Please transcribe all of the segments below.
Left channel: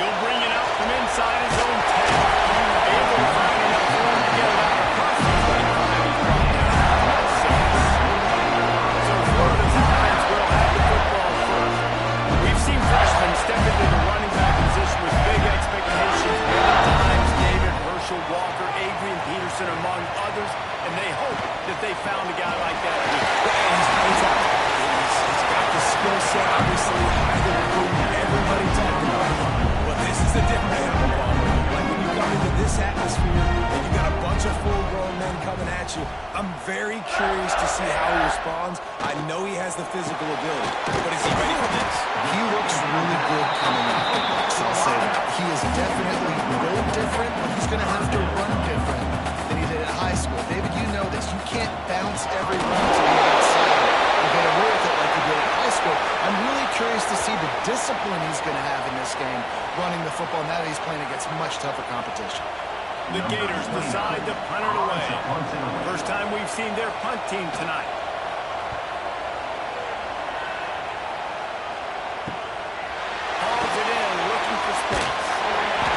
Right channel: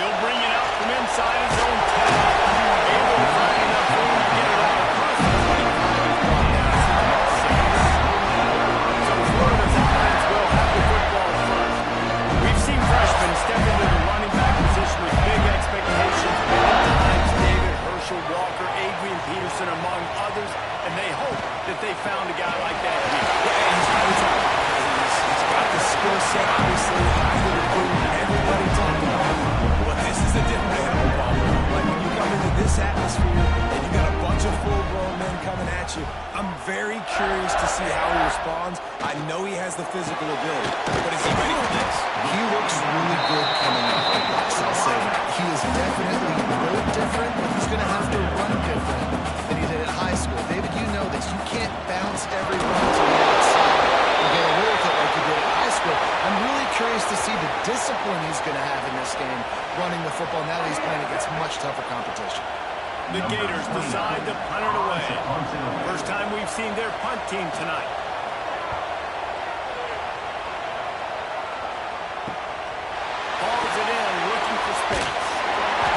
He'll bring it out from inside his own 10. Able to find enough room to get it out across the 25. He's brought down for 6. So Florida's offense will have the football first. We've seen freshmen step into the running back position with big expectations many times. David, Herschel, Walker, Adrian Peterson, among others, and they hope that they found a guy like that here. And he's highly talented. He's got the skill set, obviously, highly recruited. Everybody talked about him. But this is a different animal, Palmer. Like when you come into this atmosphere and you got a bunch of full-grown men coming at you, I'm very curious to see how he responds. I know he has the physical ability, but is he ready for this? He looks really good coming out of the box, I'll say that. He is definitely built different, but he's going to have to run different than he did in high school. David, you know this. You can't bounce every run to the outside and get away with it like you did in high school. I'm really curious to see the discipline he's going to have in this game running the football now that he's playing against much tougher competition. The Gators decide to punt it away. First time we've seen their punt team tonight. Hauls it in, looking for space.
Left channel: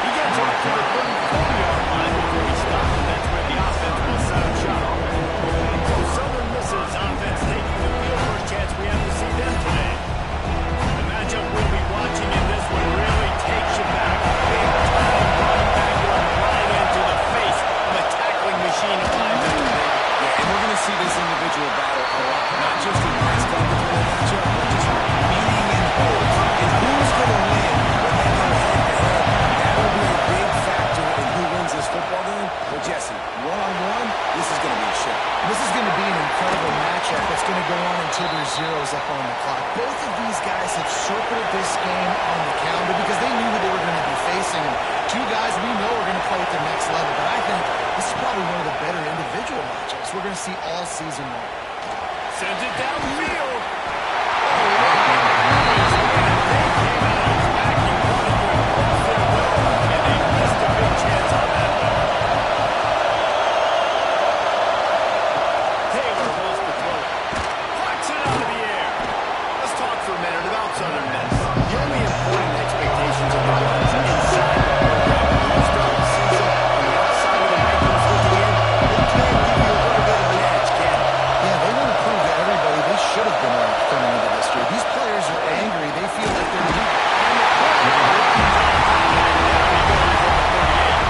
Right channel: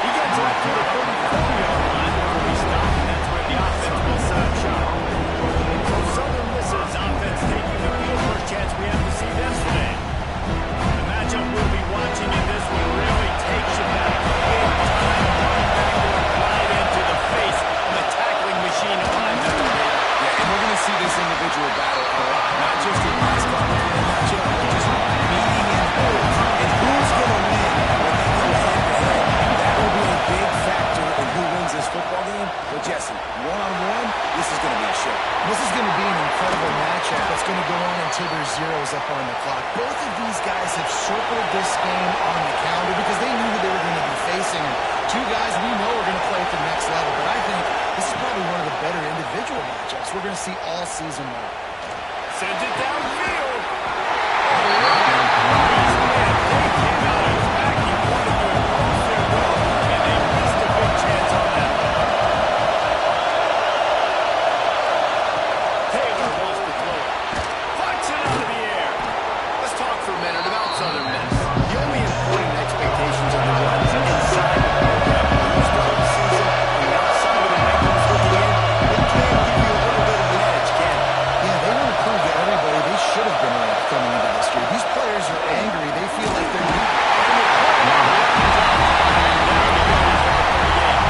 He gets up to the 34-yard line before he stops, and that's where the offense will set up shop. So Southern misses offense taking the field. First chance we have to see them today. The matchup we'll be watching in this one really takes you back. Big time running back going right into the face of a tackling machine of linebacker, David. Yeah, and we're going to see this individual battle a lot. Not just in pass coverage when they match up, but just meeting in holes. And who's going to win when they go head-to-head? That'll be a big factor in who wins this football game. Well, Jesse, one-on-one, this is going to be a show. This is going to be an incredible matchup that's going to go on until there's zeros up on the clock. Both of these guys have circled this game on the calendar because they knew who they were going to be facing. And two guys we know are going to play at the next level. But I think this is probably one of the better individual matchups we're going to see all season long. Sends it downfield. Oh, line. They came out attacking, wanted to impose their will, and they missed a big chance on that one. Taylor wants to throw it. Puts it out of the air. Let's talk for a minute about Southern Miss. The only important expectations of the runs inside the program when you start the season on the outside of the rankings looking in, it can give you a little bit of an edge, can it? Yeah, they want to prove to everybody they should have been ranked coming into this year. These players are angry. They feel like they're leading. And the quarterback runs on time, and down he goes over 38.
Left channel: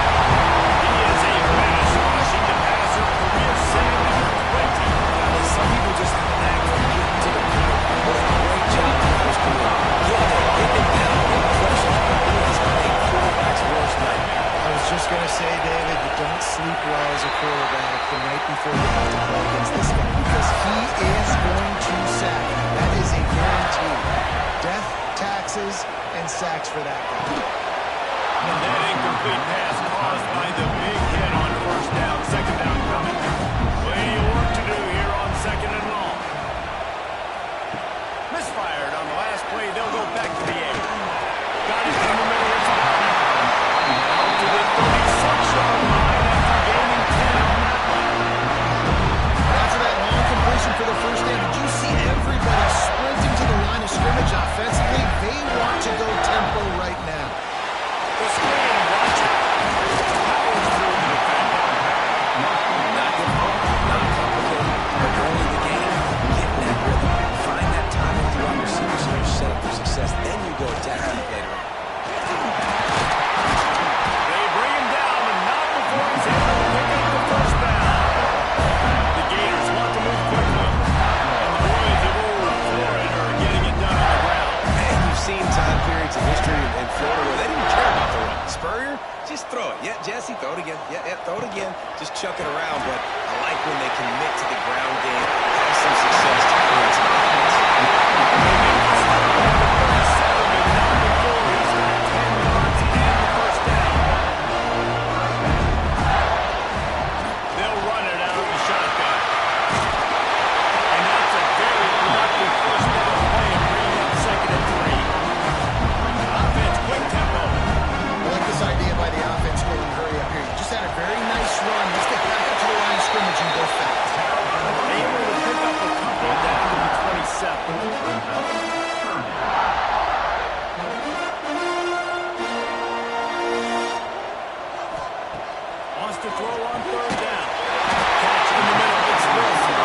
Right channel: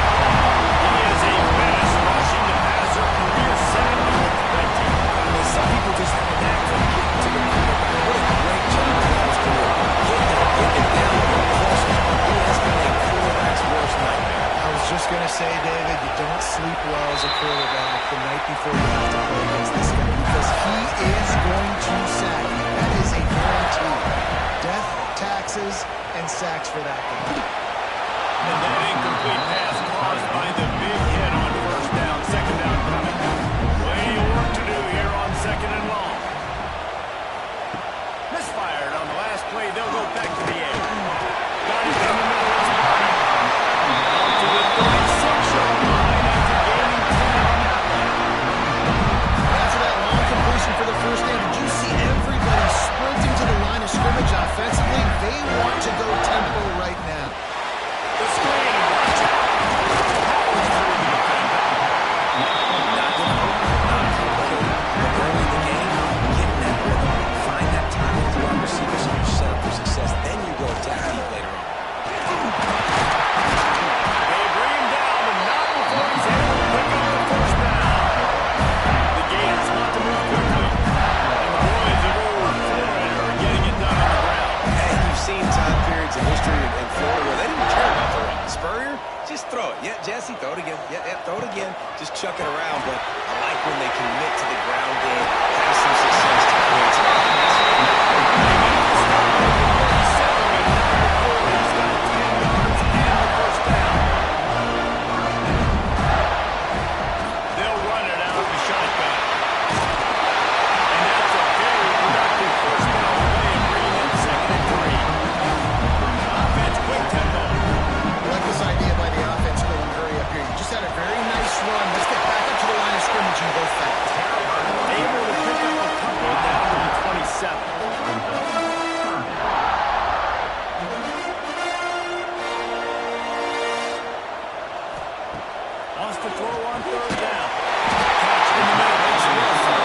He is a menace rushing the passer, career sack number 20. I mean, some people just have a knack for getting to the quarterback. What a great job throughout his career. Getting there, getting it down, getting pressures. He has been a quarterback's worst nightmare. I was just going to say, David, you don't sleep well as a quarterback the night before you have to play against this guy because he is going to sack you. That is a guarantee. Death, taxes, and sacks for that guy. And that incomplete pass caused by the big hit on first down. Second down coming. Plenty of work to do here on second and long. Misfired on the last play. They'll go back to the air. Got it in the middle. It's Barney. Out to the 36-yard line after gaining 10 on that one. After that long completion for the first down, did you see everybody sprinting to the line of scrimmage offensively? They want to go tempo right now. The screen, and watch out. Powers through the defender. Not difficult, not complicated, but early in the game, getting that rhythm, find that time with the wide receivers and you're set up for success. Then you go attack deep later on. They bring him down, but not before he's able to pick up the first down. The Gators want to move quickly, and the boys of old Florida are getting it done on the ground. And you've seen time periods in history in Florida where they didn't care about the run. Spurrier, just throw it. Yeah, Jesse, throw it again. Yeah, throw it again. Just chuck it around. But I like when they commit to the ground game, have some success to create some offense. They get the stop at the 37, and not before he's got 10 yards and the first down. They'll run it out of the shotgun. And that's a very productive first down play and bringing up second and 3. Offense, quick tempo. I like this idea by the offense going hurry up here. You just had a very nice run. Let's get back up to the line of scrimmage and go fast. Able to pick up a couple down to the 27. wants to throw on third down. Catch in the middle. It's Wilson.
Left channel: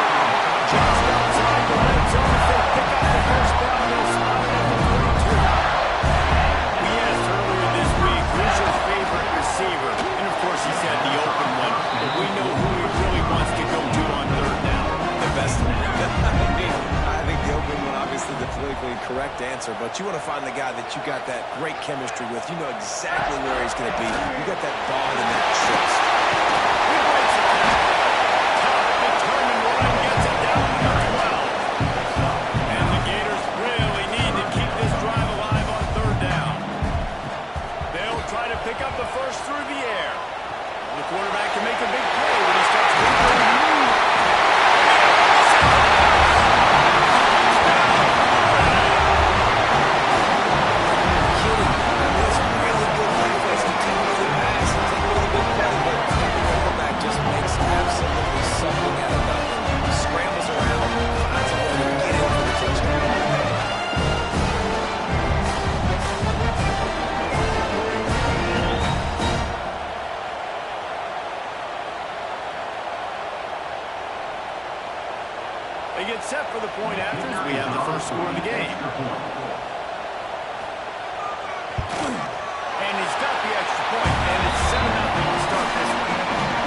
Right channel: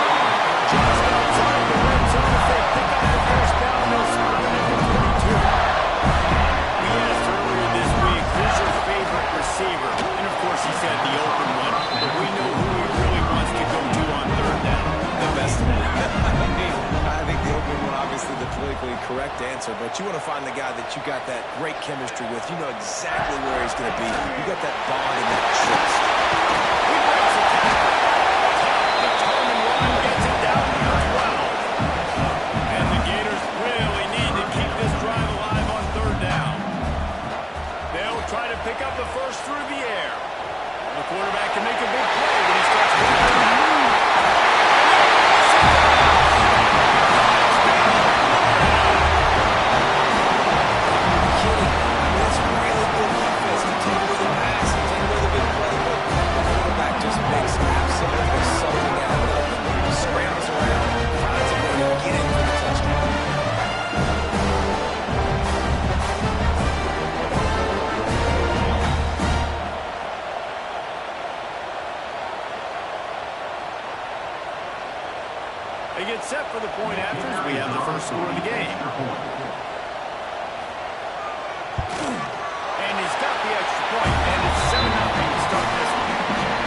Just outside the red zone. If they pick up the first down, they'll spot it at the 42. We asked earlier this week, who's your favorite receiver? And of course he said the open one, but we know who he really wants to go to on third down. The best one. I think the opening one, obviously the politically correct answer, but you want to find the guy that you got that great chemistry with. You know exactly where he's going to be. You got that bond and that trust. He breaks the tackle. Tough, determined run, gets it down to the 12. And the Gators really need to keep this drive alive on third down. They'll try to pick up the first through the air. The quarterback can make a big play when he starts running around. Just makes absolutely something out of nothing. Scrambles around, finds a way to get in for the touchdown. They get set for the point after as we have the first score of the game. And he's got the extra point, and it's 7-0 to start this one.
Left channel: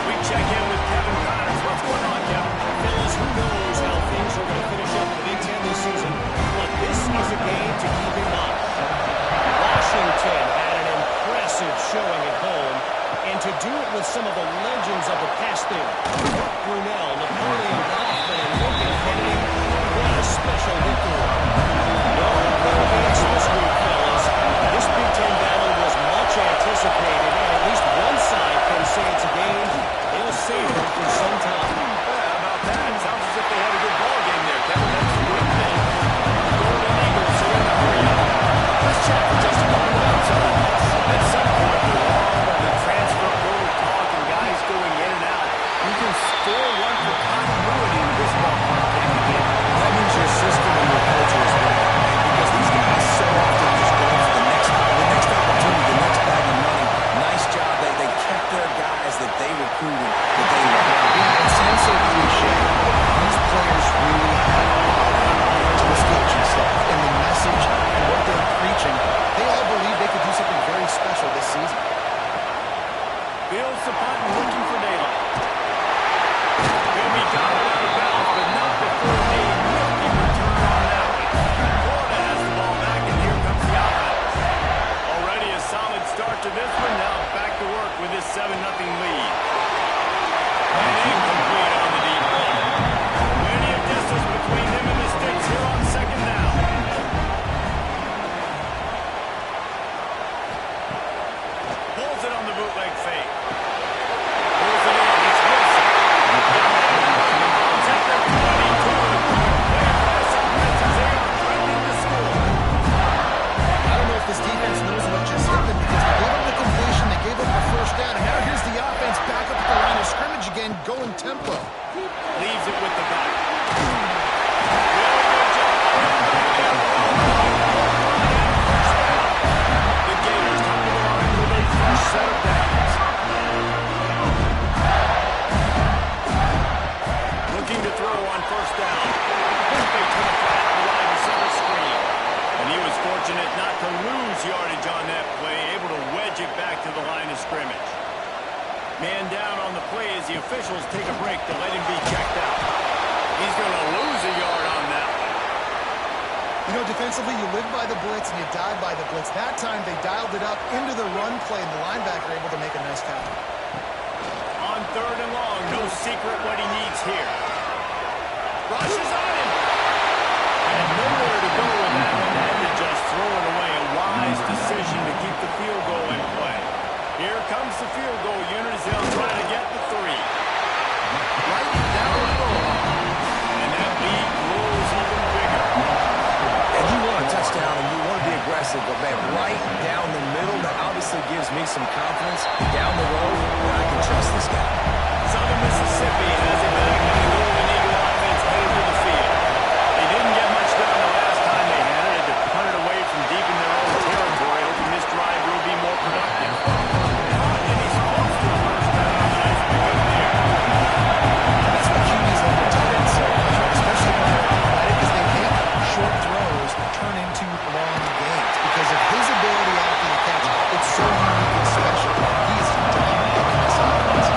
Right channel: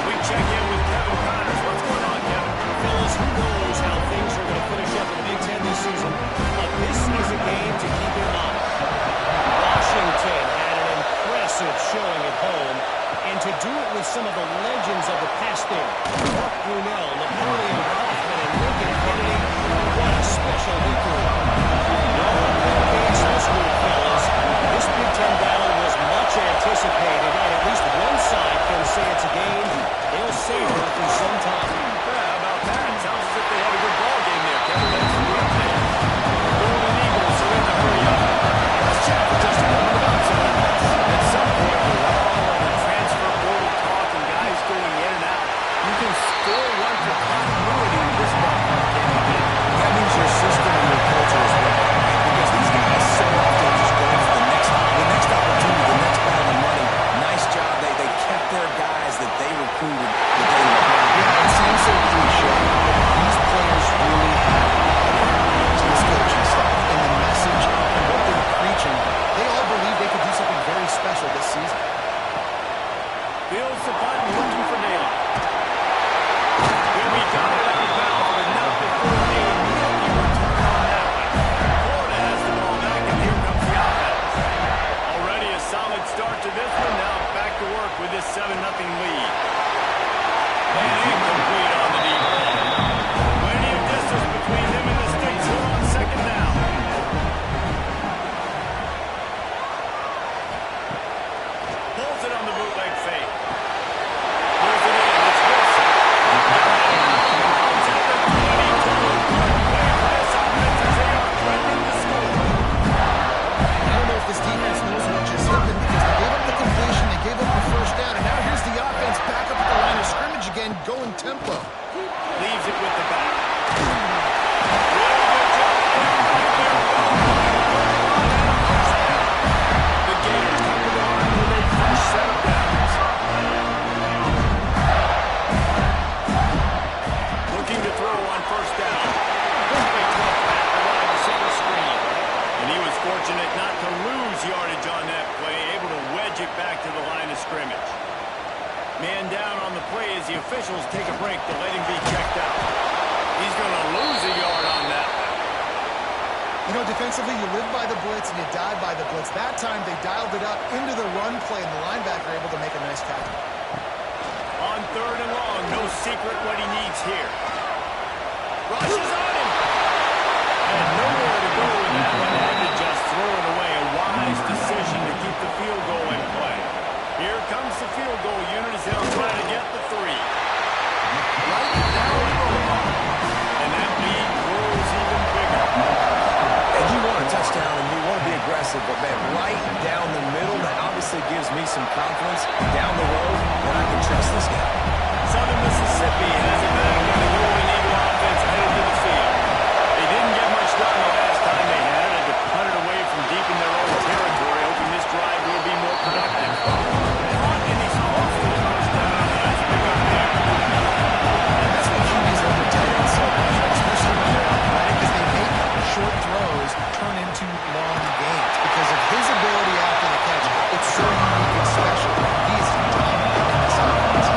We check in with Kevin Connors. What's going on, Kevin? Fellas, who knows how things are going to finish up in the Big Ten this season, but this is a game to keep in mind. Washington had an impressive showing at home, and to do it with some of the legends of the past there, Mark Brunell, Napoleon Kaufman, and Lincoln Kennedy, what a special victory. No Bill Gates this week, fellas. This Big Ten battle was much anticipated, and at least one side can say it's a game they'll savor for some time. How about that? Sounds as if they had a good ball game there, Kevin. Thanks for the update. The Golden Eagles are in the hurry up. Let's chat for just a moment about some of this. At some point, with all of the transfer portal talk and guys going in and out, you can still run for continuity in this ballpark, can't you? That means your system and your culture is working, right? Because these guys so often just go for the next opportunity, the next bag of money. Nice job. They kept their guys that they recruited, that they loved. Yeah, it sounds so cliche, but these players really have bought into this coaching staff and the message and what they're preaching. They all believe they could do something very special this season. Fields the punt and looking for daylight. Will be got it out of bounds, but not before a nifty return on that one. Florida has the ball back, and here comes the offense. Already a solid start to this one. Now back to work with this 7-0 lead. And incomplete on the deep ball. Plenty of distance between them and the sticks here on second down. Pulls it on the bootleg fake. Pulls it in. It's Wilson. Got it out. Comes at the 22. Good play for this offense as they are threatening to score. I don't know if this defense knows what just hit them because they gave up the completion, they gave up the first down, and now here's the offense back up at the line of scrimmage again, going tempo. Leaves it with the back. Really good job by everybody there. Well done. Good run and a first down. The Gators come to the line with a fresh set of downs. Looking to throw on first down. Quickly to the flat, the wide receiver screen. And he was fortunate not to lose yardage on that play, able to wedge it back to the line of scrimmage. Man down on the play as the officials take a break to let him be checked out. He's going to lose a yard on that one. You know, defensively, you live by the blitz and you die by the blitz. That time, they dialed it up into the run play, and the linebacker able to make a nice tackle. On third and long, no secret what he needs here. Rushes on him. Had nowhere to go with that one. Had to just throw it away. A wise decision to keep the field goal in play. Here comes the field goal unit as they'll try to get the 3. Right down the goal. And that lead grows even bigger. And you want a touchdown and you want to be aggressive, but man, right down the middle, that obviously gives me some confidence down the road that I can trust this guy. Southern Mississippi has it back, and the Golden Eagle offense headed to the field. They didn't get much done the last time they had it. Had to punt it away from deep in their own territory, hoping this drive will be more productive. Caught, and he's close to the first down on the nice into long games because of his ability after the catch. It's so unique and special. He is dominant in this offense.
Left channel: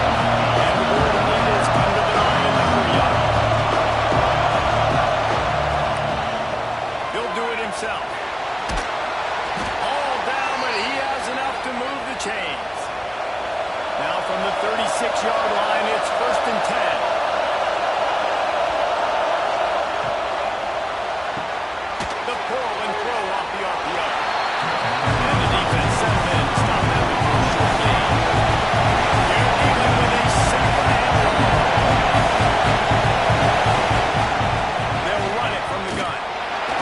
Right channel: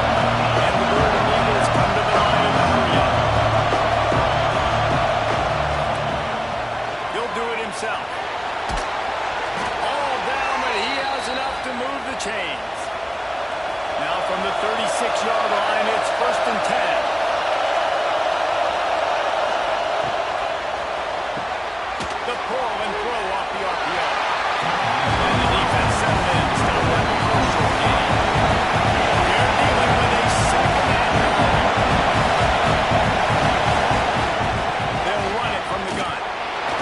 And the Golden Eagles come to the line in the hurry-up. He'll do it himself. All down, but he has enough to move the chains. Now from the 36-yard line, it's 1st and 10. The pull and throw off the RPO. And the defense settled in to stop that before a short gain. They're dealing with a second and long. They'll run it from the gun.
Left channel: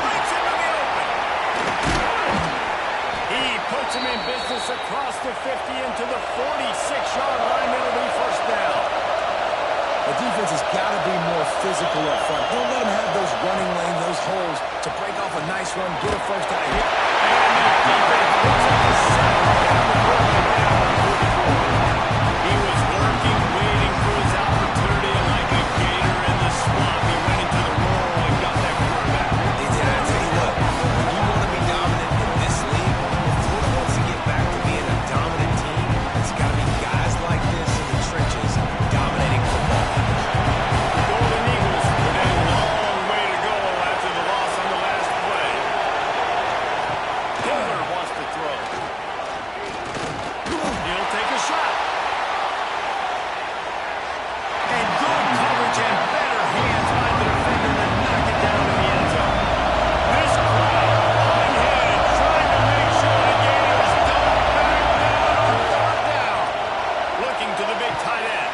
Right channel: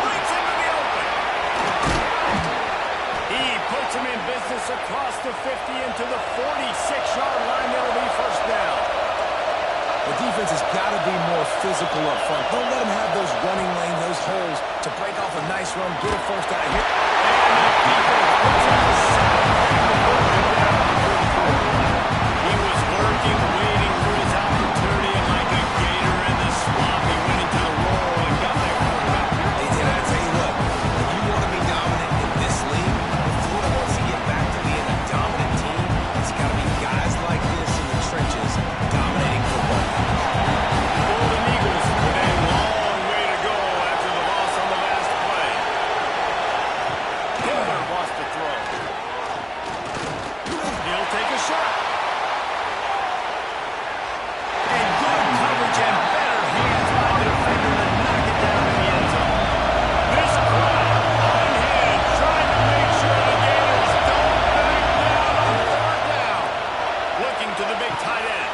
Breaks into the open. He puts him in business across the 50 into the 46-yard line. That'll be 1st down. The defense has got to be more physical up front. Don't let them have those running lanes, those holes to break off a nice run, get a 1st down here. And the defense puts up a sack and the quarterback down on 44. He was lurking, waiting for his opportunity, and like a gator in the swamp, he went into the roll and got that quarterback. They did. I tell you what, when you want to be dominant in this league, if Florida wants to get back to being a dominant team, it's got to be guys like this in the trenches dominating football. The Golden Eagles with a long way to go after the loss on the last play. Taylor wants to throw. He'll take a shot. And good coverage and better hands by the defender to knock it down in the end zone. This crowd on hand trying to make sure the Gators don't back down on 3rd down. Looking to the big tight end.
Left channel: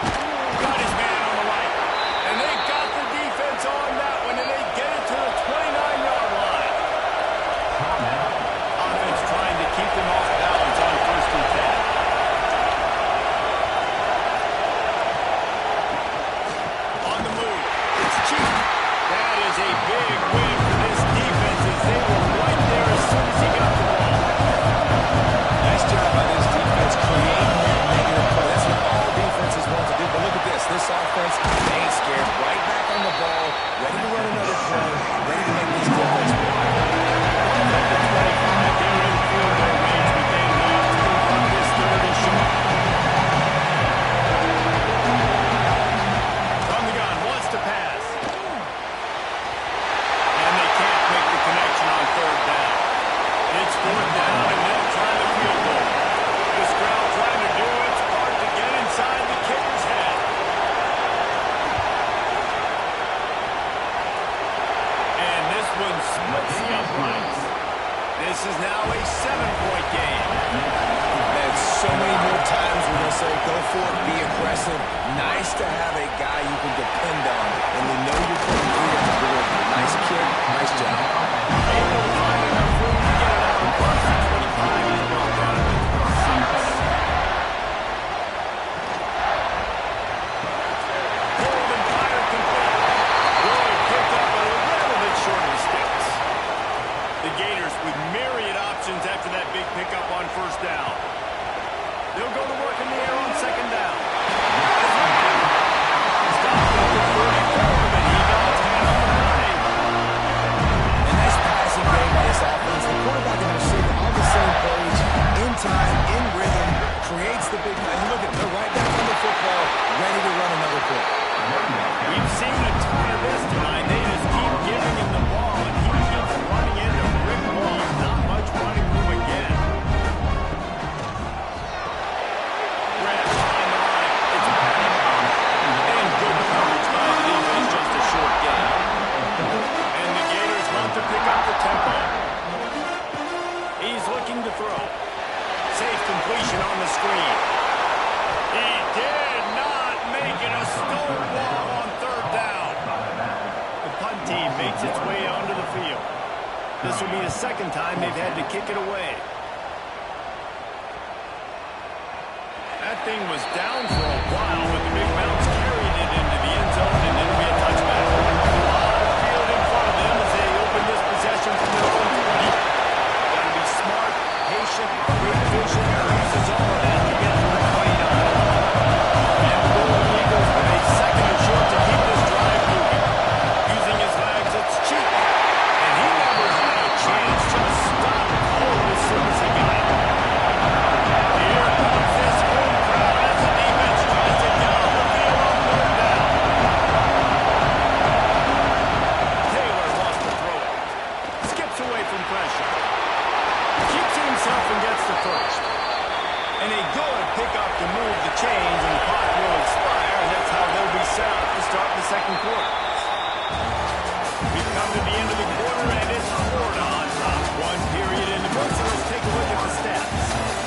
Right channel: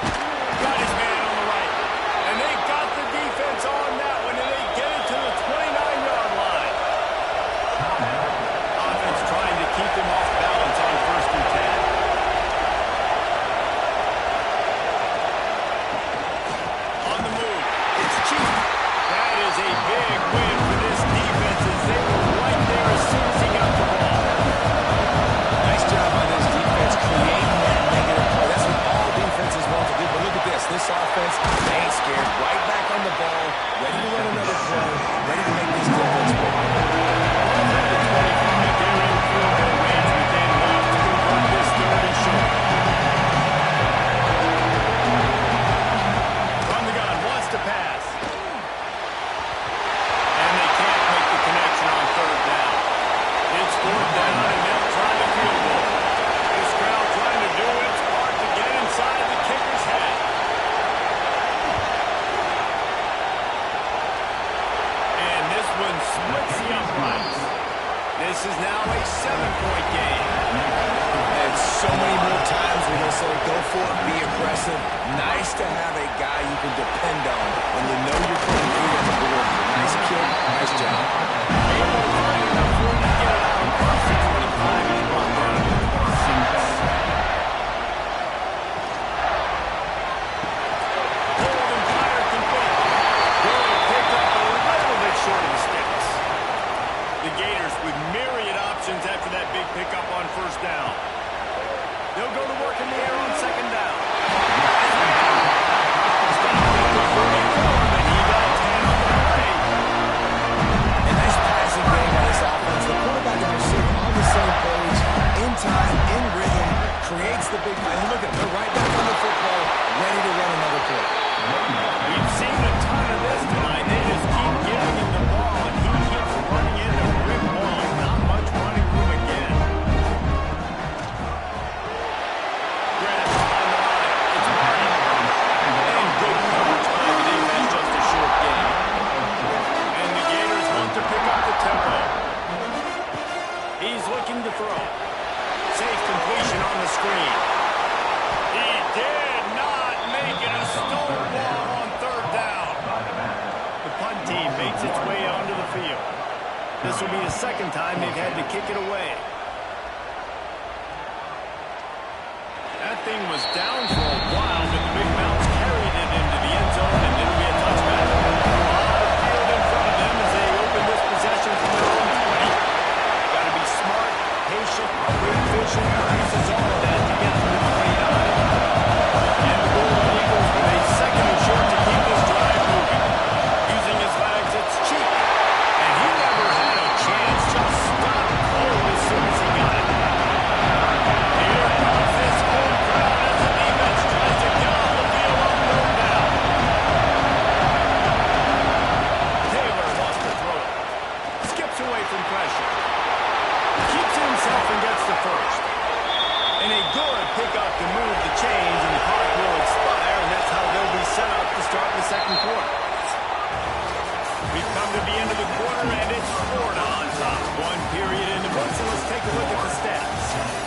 Got his man on the right. And they got the defense on that one, and they get it to the 29-yard line. Offense trying to keep them off balance on 1st and 10. On the move, it's cheap. That is a big win for this defense as they were right there as soon as he got the ball. Nice job by this defense creating that negative play. That's what all defenses want to do. But look at this. This offense, they ain't scared. Right back on the ball, ready to run another play, ready to make this defense work. Well, at the 25, they're in field goal range with a lot to convert this 3rd and short. From the gun, wants to pass. And they can't make the connection on 3rd down. It's 4th down, and they'll try the field goal. This crowd trying to do its part to get inside the kicker's head. And this one splits the uprights. This is now a 7-point game. And so many more times we're going to say, go for it, be aggressive. Nice to have a guy you can depend on when you know you're putting feet at the board. Nice kick, nice job. Able to find enough room to get it out across the 25 and brought down to the 26. Hold and fire complete. Good picked up a little bit short of the sticks. The Gators with myriad options after that big pickup on 1st down. They'll go to work in the air on 2nd down. Stopped at the 34, but he got 10 on the play. A nice passing game by this offense. The quarterback and the receiver on the same page, in time, in rhythm, creates the big play. Look at them. They're right back on the football, ready to run another play. We've seen a ton of this tonight. They just keep giving him the ball, and he keeps running into brick wall. Not much running room again. Grab behind the line. It's Marty. And good coverage by the defense. Just a short gain. And the Gators want to pick up the tempo. He's looking to throw. Safe completion on the screen. He did not make it a stone wall on 3rd down. The punt team makes its way onto the field. This will be the 2nd time they've had to kick it away. That thing was down for a while, but the big bounce carried it into the end zone, and it'll be a touchback. A lot of field in front of them as they open this possession from their own 20. Got to be smart, patient, great vision, uses all of that to get to the 29. And the Golden Eagles with a 2nd and short to keep this drive moving. Using his legs, it's cheap. And he never had a chance. good pickup to move the chains, and the clock will expire, and that's how they'll be set up to start the second quarter. We've come to the end of the quarter, and it's Florida on top. One period in the books, and let's take a look at the stats.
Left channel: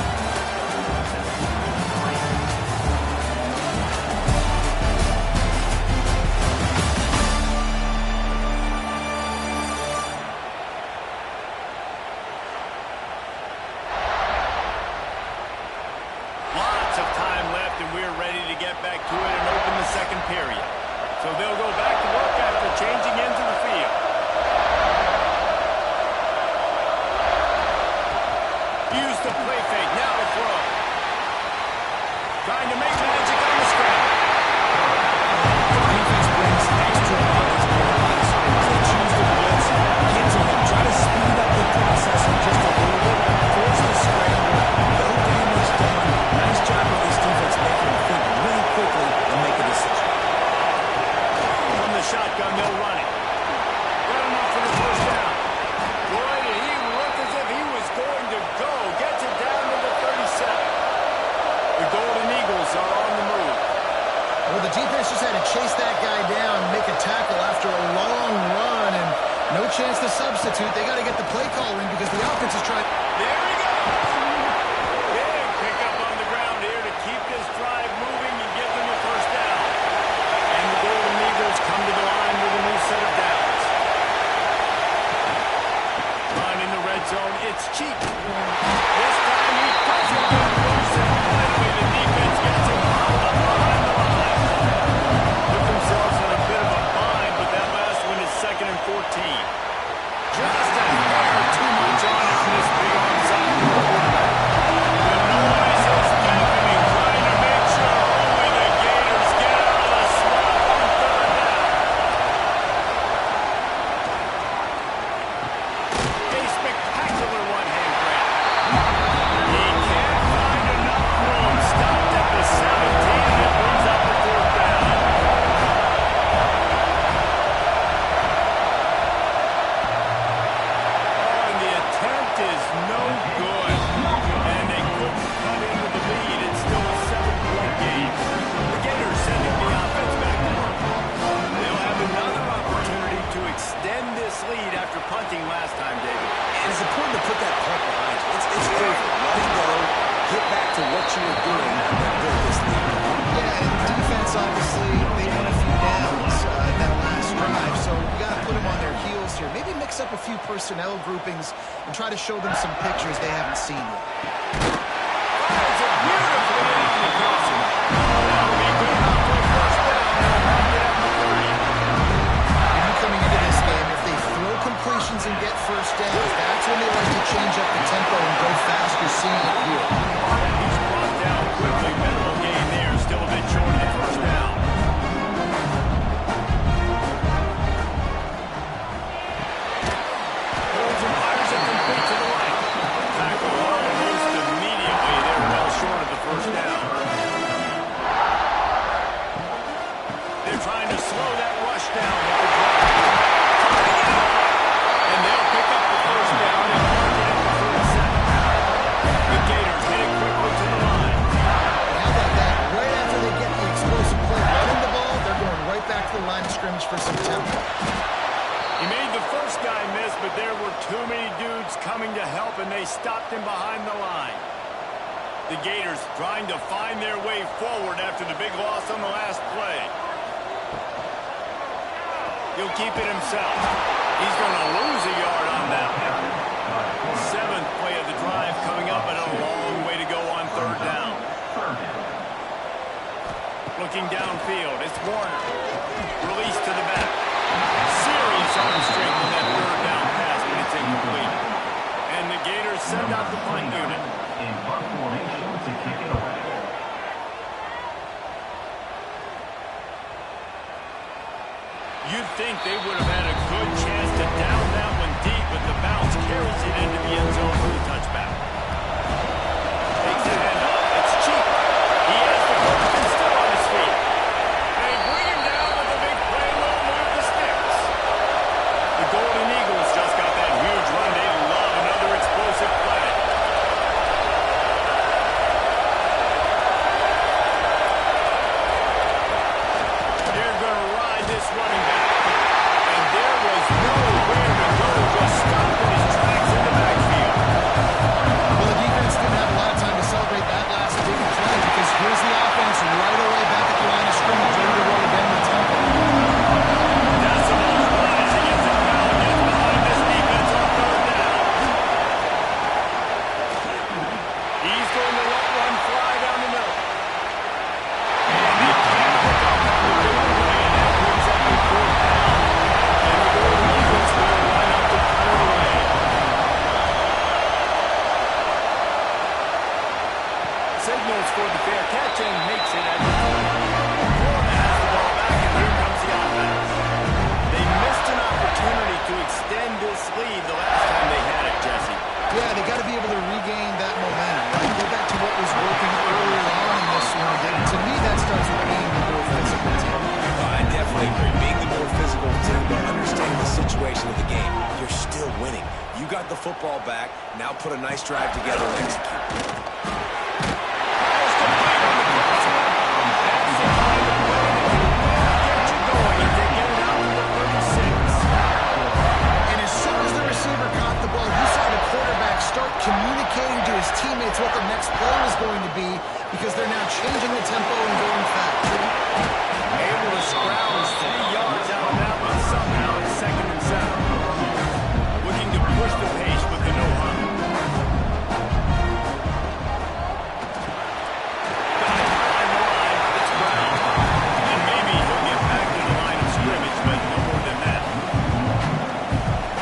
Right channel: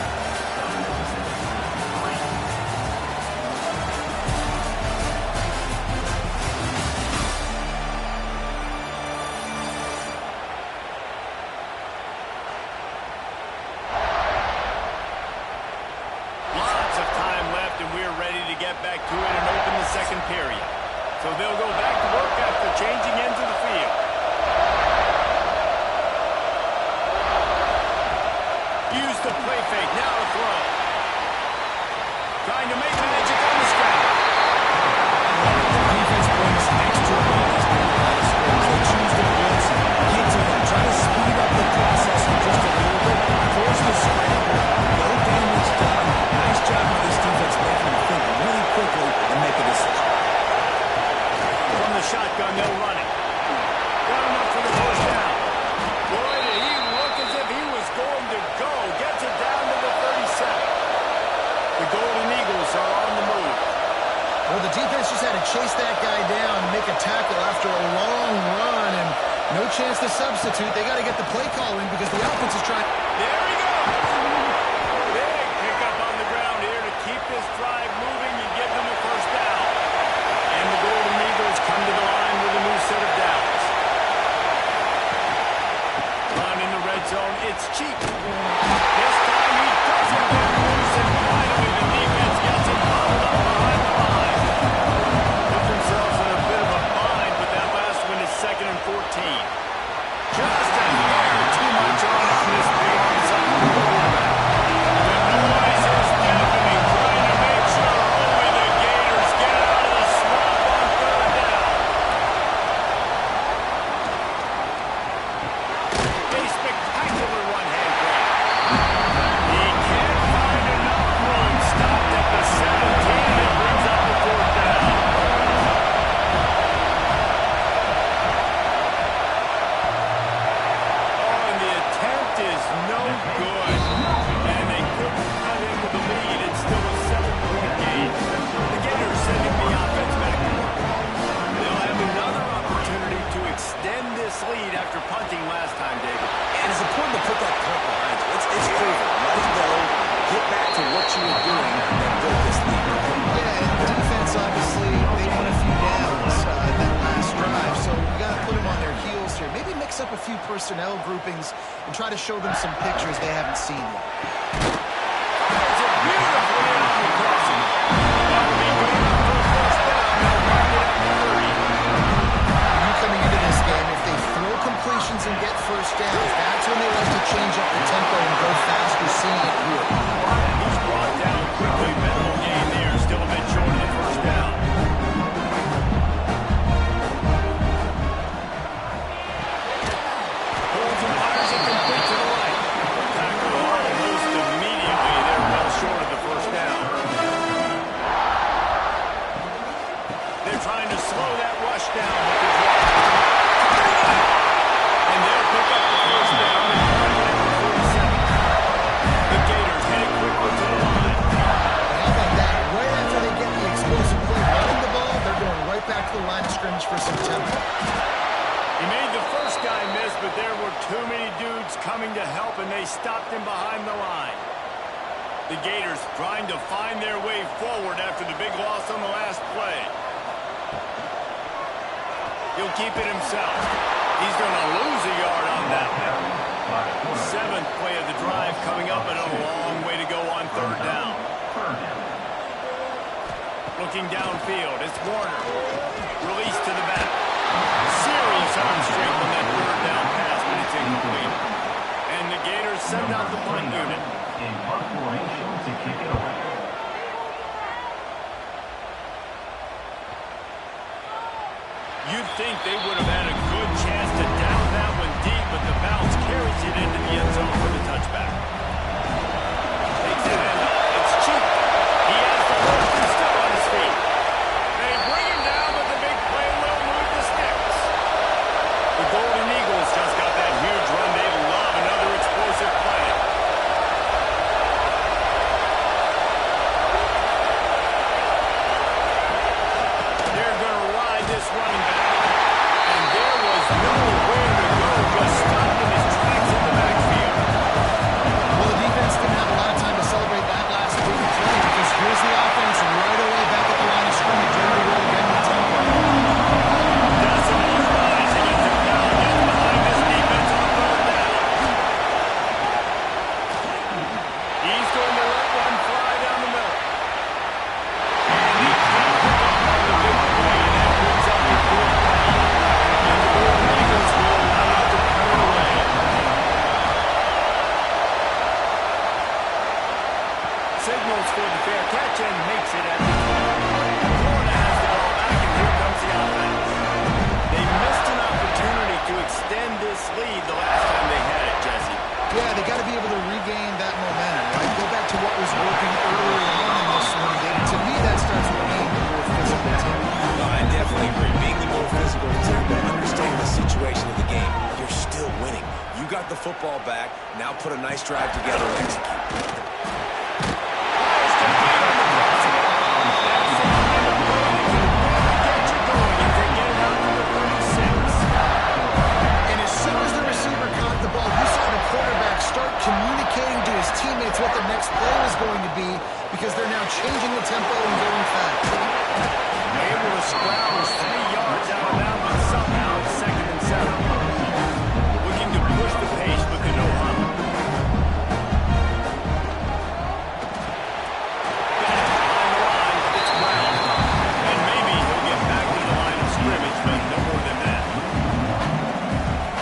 Lots of time left, and we're ready to get back to it and open the second period. So they'll go back to work after changing ends of the field. Use the play fake, now to throw. Trying to make magic on the scramble. The defense brings extra bodies near the line of scrimmage. They choose to blitz, get to him, try to speed up the processing just a little bit, force the scramble, no damage done. Nice job by this defense making him think really quickly and make a decision. From the shotgun, they'll run it. Got enough for the first down. Boy, did he look as if he was going to go. Gets it down to the 37. The Golden Eagles are on the move. Well, the defense just had to chase that guy down, make a tackle after a long run, and no chance to substitute. They got to get the play call in because the offense is trying. There he goes. Big pickup on the ground here to keep this drive moving and give them the first down. And the Golden Eagles come to the line with a new set of downs. Run in the red zone. It's cheap. This time he doesn't get loose, and finally the defense gets him bottled up behind the line. Put themselves in a bit of a bind, but that last one is 2nd and 14. Just a hair too much on it for this big onside quarterback. The noise is deafening, trying to make sure only the Gators get out of the swamp on 3rd down. A spectacular one-hand grab. He can't find enough room. Stopped at the 17, and it brings up the 4th down. Is no good, and they couldn't cut into the lead. It's still a 7-point game. The Gators sending the offense back to work. They'll have another opportunity to extend this lead after punting last time, David. And it's important to put that punt behind you. It's over. Let it go. Get back to what you were doing and build this lead. Yeah, and defense, obviously, they won a few downs that last drive, so we got to put them on their heels here. Maybe mix up a few personnel groupings and try to show them some pictures they haven't seen yet. Fires it beautifully in on the crossing. That'll be good enough for a first down. They'll mark it at the 30. You coming into this game, if they throw completions and get first downs, that's when they like to change up the tempo and go fast. You're seeing it here. He's brought down quickly. Minimal gain there. Still a bit short of the first down. Holds and fires it complete to the right. Tackle almost immediately. They're well short of the first down. They're trying to slow that rush down with the drop. Turning it out. And they'll pick up the first down and mark it at the 47. The Gators heading quickly to the line. How about that? Right after they get the explosive play running the ball, they're going right back to the line of scrimmage for some tempo. He made the first guy miss, but there were too many dudes coming to help, and they stopped him behind the line. The Gators trying to find their way forward after the big loss on the last play. He'll keep it himself. He's going to lose a yard on that one. 7th play of the drive coming up, and a long way to go on 3rd down. Looking downfield, it's Warner. Release to the back. Serious arm strength on that 3rd down pass, but it's incomplete. And the Gators send out the punt unit. In punt formation to kick it away. You'd think they would have had a good chance to down that one deep, but the bounce carries it into the end zone for the touchback. Takes the handoff. It's cheap. He has the first and still on his feet. They bring him down, but the big play will move the sticks. The Golden Eagles just got that huge run. They love another explosive play. signals for the fair catch and makes it at the 20. Florida has the ball back, and here comes the offense. They missed an opportunity to extend this lead the last time they had it, Jesse. Yeah, they got to be able to regain that momentum, right? Go back to what was working earlier on in this one, David. To me, that starts with being the more physical team. No, I definitely agree. Being the more physical team, but understanding the situation of the game. You're still winning. You got the football back. Now put a nice drive together and execute. Pass complete on the crossover. That's the kind of play that can really get you going if they get it out to the 36. And as soon as the receiver caught the ball, you saw the quarterback start communicating to his teammates what the next play was going to be because they're now changing the tempo and going fast. Able to scrounge 3 yards out of that one somehow. It's 2nd and 7. Looking to push the pace with the no-huddle. Got it behind the line. It's Brown. And maybe he'll get back to the line of scrimmage, but no more than that.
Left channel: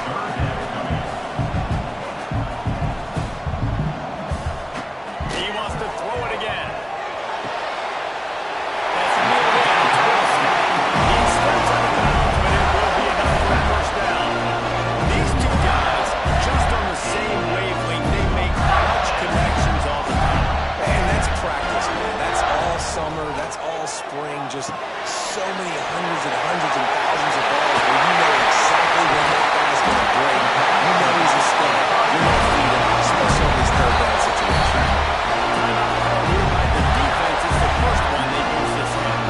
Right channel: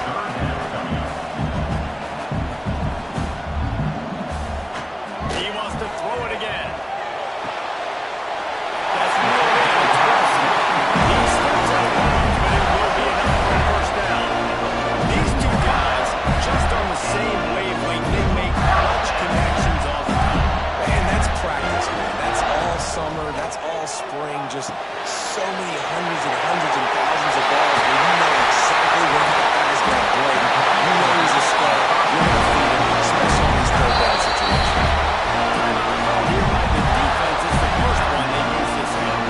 Third down coming up. He wants to throw it again. That's near in. It's Wilson. He steps out of bounds, but it will be enough for a first down. These two guys, just on the same wavelength, they make clutch connections all the time. And that's practice, man. That's all summer. That's all spring. Just so many hundreds and hundreds and thousands of balls where you know exactly when that guy's going to break. You know he's a star. You're going to feed him, especially on these third down situations. Timeout called here by the defense is the first one they use this half.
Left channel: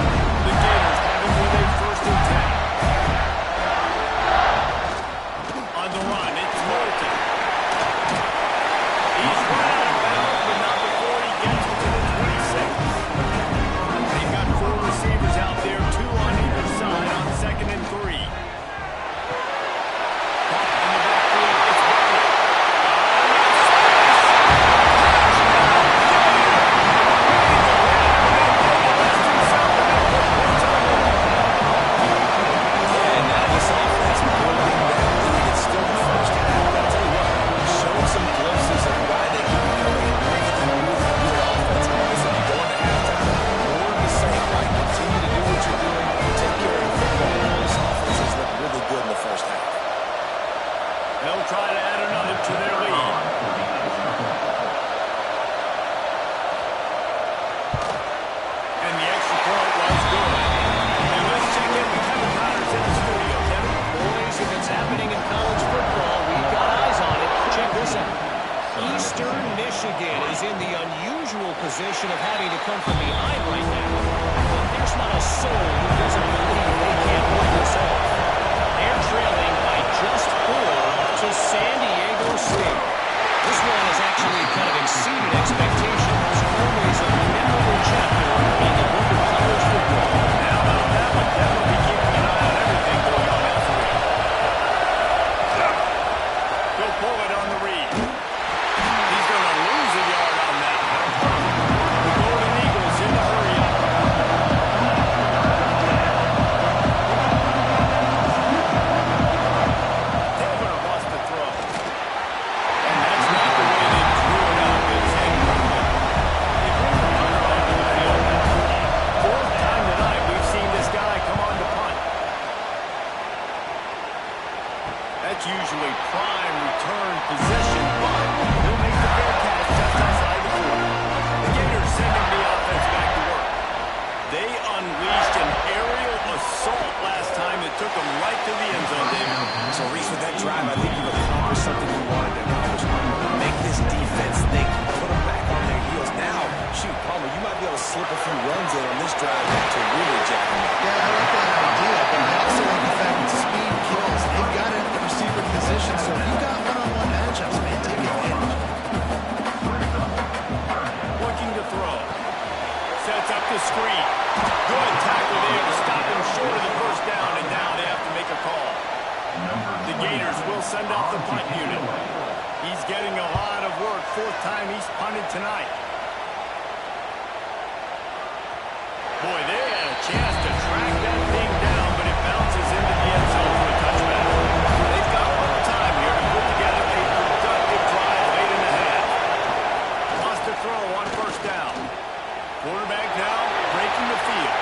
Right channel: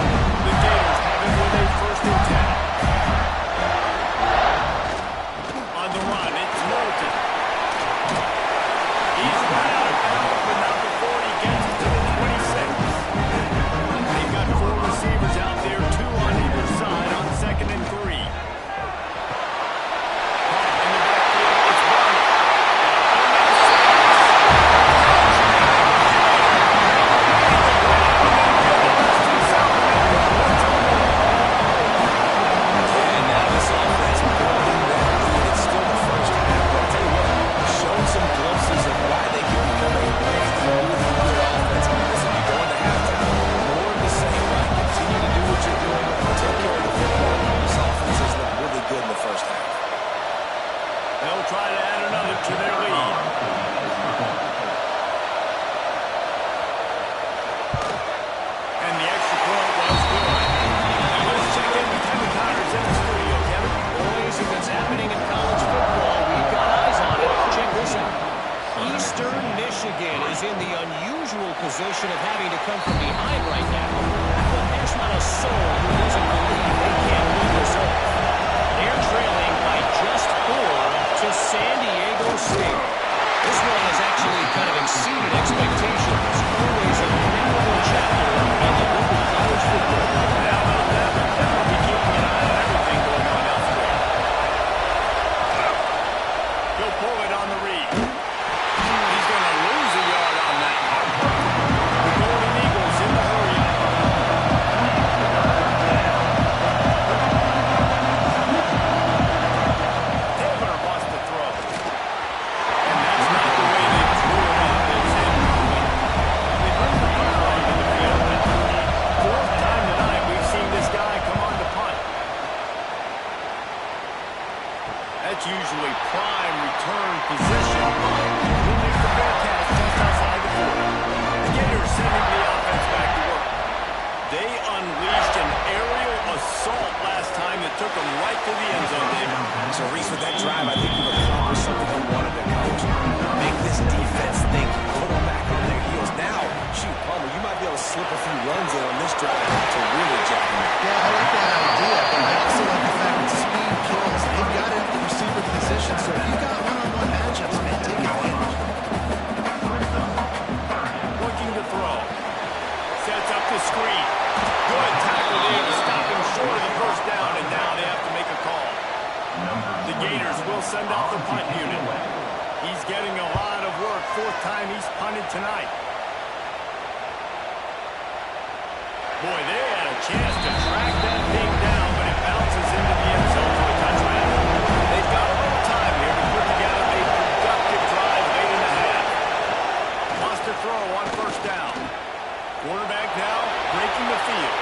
The Gators have him with a 1st and 10. On the run, it's Moulton. He's run out of bounds, but not before he gets it to the 26. They've got 4 receivers out there, 2 on either side on 2nd and 3. Caught in the backfield, it's Barney. And now this offense building that lead. It's still the first half, but I'll tell you what, showing some glimpses of why they can become a really, really good offense. Listen, you go into halftime, more of the same, right? Continue to do what you're doing, take care of the football. This offense has looked really good in the first half. They'll try to add another to their lead. And the extra point was good. Now let's check in with Kevin Connors in the studio. Kevin? Boys, if it's happening in college football, we've got eyes on it. Check this out. Eastern Michigan is in the unusual position of having to come from behind right now. But there's not a soul who doesn't believe they can't pull this off. They're trailing by just 4 to San Diego State. This one has actually kind of exceeded expectations. Always a memorable chapter in the book of college football. How about that one? Kevin will be keeping an eye on everything going on elsewhere. He'll pull it on the read. He's going to lose a yard on that one. The Golden Eagles in the hurry-up. Taylor wants to throw. And that's not the way they drew it up. It's incomplete. They bring the punter onto the field now. 4th time tonight we've seen this guy come on to punt. That's usually prime return position, but he'll make the fair catch just outside the 40. The Gators sending the offense back to work. They unleashed an aerial assault last time that took them right to the end zone, David. So, Reese, with that drive, I think you've accomplished something you wanted to accomplish. Make this defense think, put them back on their heels. Now, shoot, Palmer, you might be able to slip a few runs in on this drive to really jack them up. Yeah, I like that idea, but I also like the fact that speed kills. They've got it at the receiver position, so if you've got one-on-one matchups, man, take advantage. Looking to throw. Sets up the screen. Good tackle there to stop him short of the first down, and now they have to make a call. The Gators will send out the punt unit. He's getting a lot of work. 4th time he's punted tonight. Boy, they had a chance to track that thing down, but it bounces into the end zone for a touchback. They've got a little time here to put together a productive drive late in the half. Wants to throw on 1st down. Quarterback now breaking the field.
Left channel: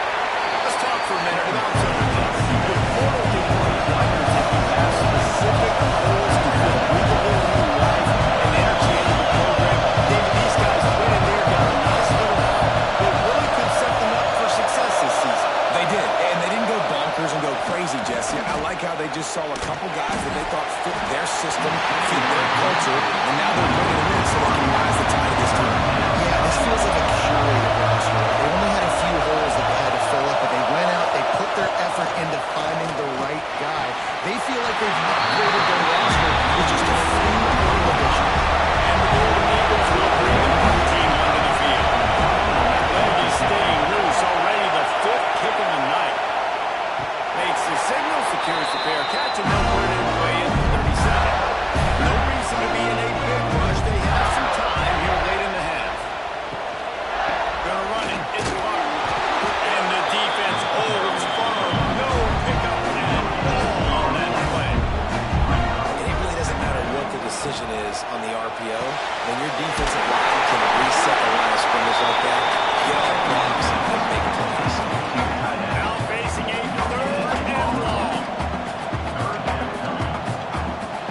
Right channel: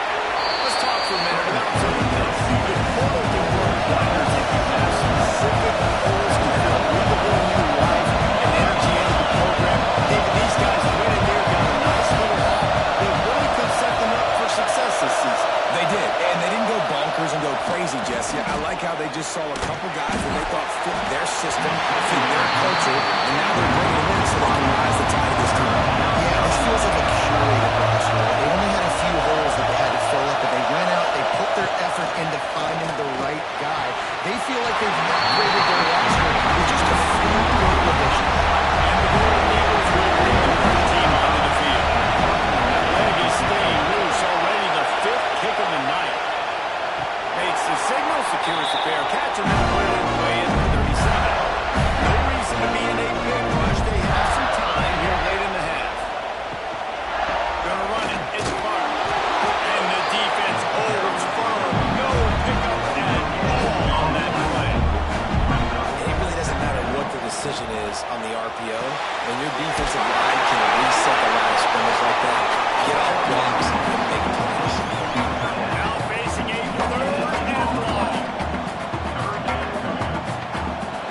Let's talk for a minute about some of this. The portal can work wonders if you have specific holes to fill. Breathe a little new life and energy into the program. David, these guys went in there, got a nice little haul that really could set them up for success this season. They did, and they didn't go bonkers and go crazy, Jesse. I like how they just saw a couple guys that they thought fit their system, fit their culture, and now they're bringing them in so they can rise the tide of this team. Yeah, this feels like a curated roster. They only had a few holes that they had to fill up, but they went out, they put their effort into finding the right guy. They feel like they've upgraded their roster with just a few portal additions. And the Golden Eagles will bring the punt team onto the field. That leg is staying loose. Already the 5th kick of the night. Makes the signal, secures the fair catch, and they'll put it away at the 37. No reason to be in a big rush. They have some time here late in the half. Gonna run it. It's Clark. And the defense holds firm. No pickup at all on that play. It really doesn't matter what the decision is on the RPO. When your defensive line can reset the line of scrimmage like that, get off blocks and make plays. Now facing a 3rd and long.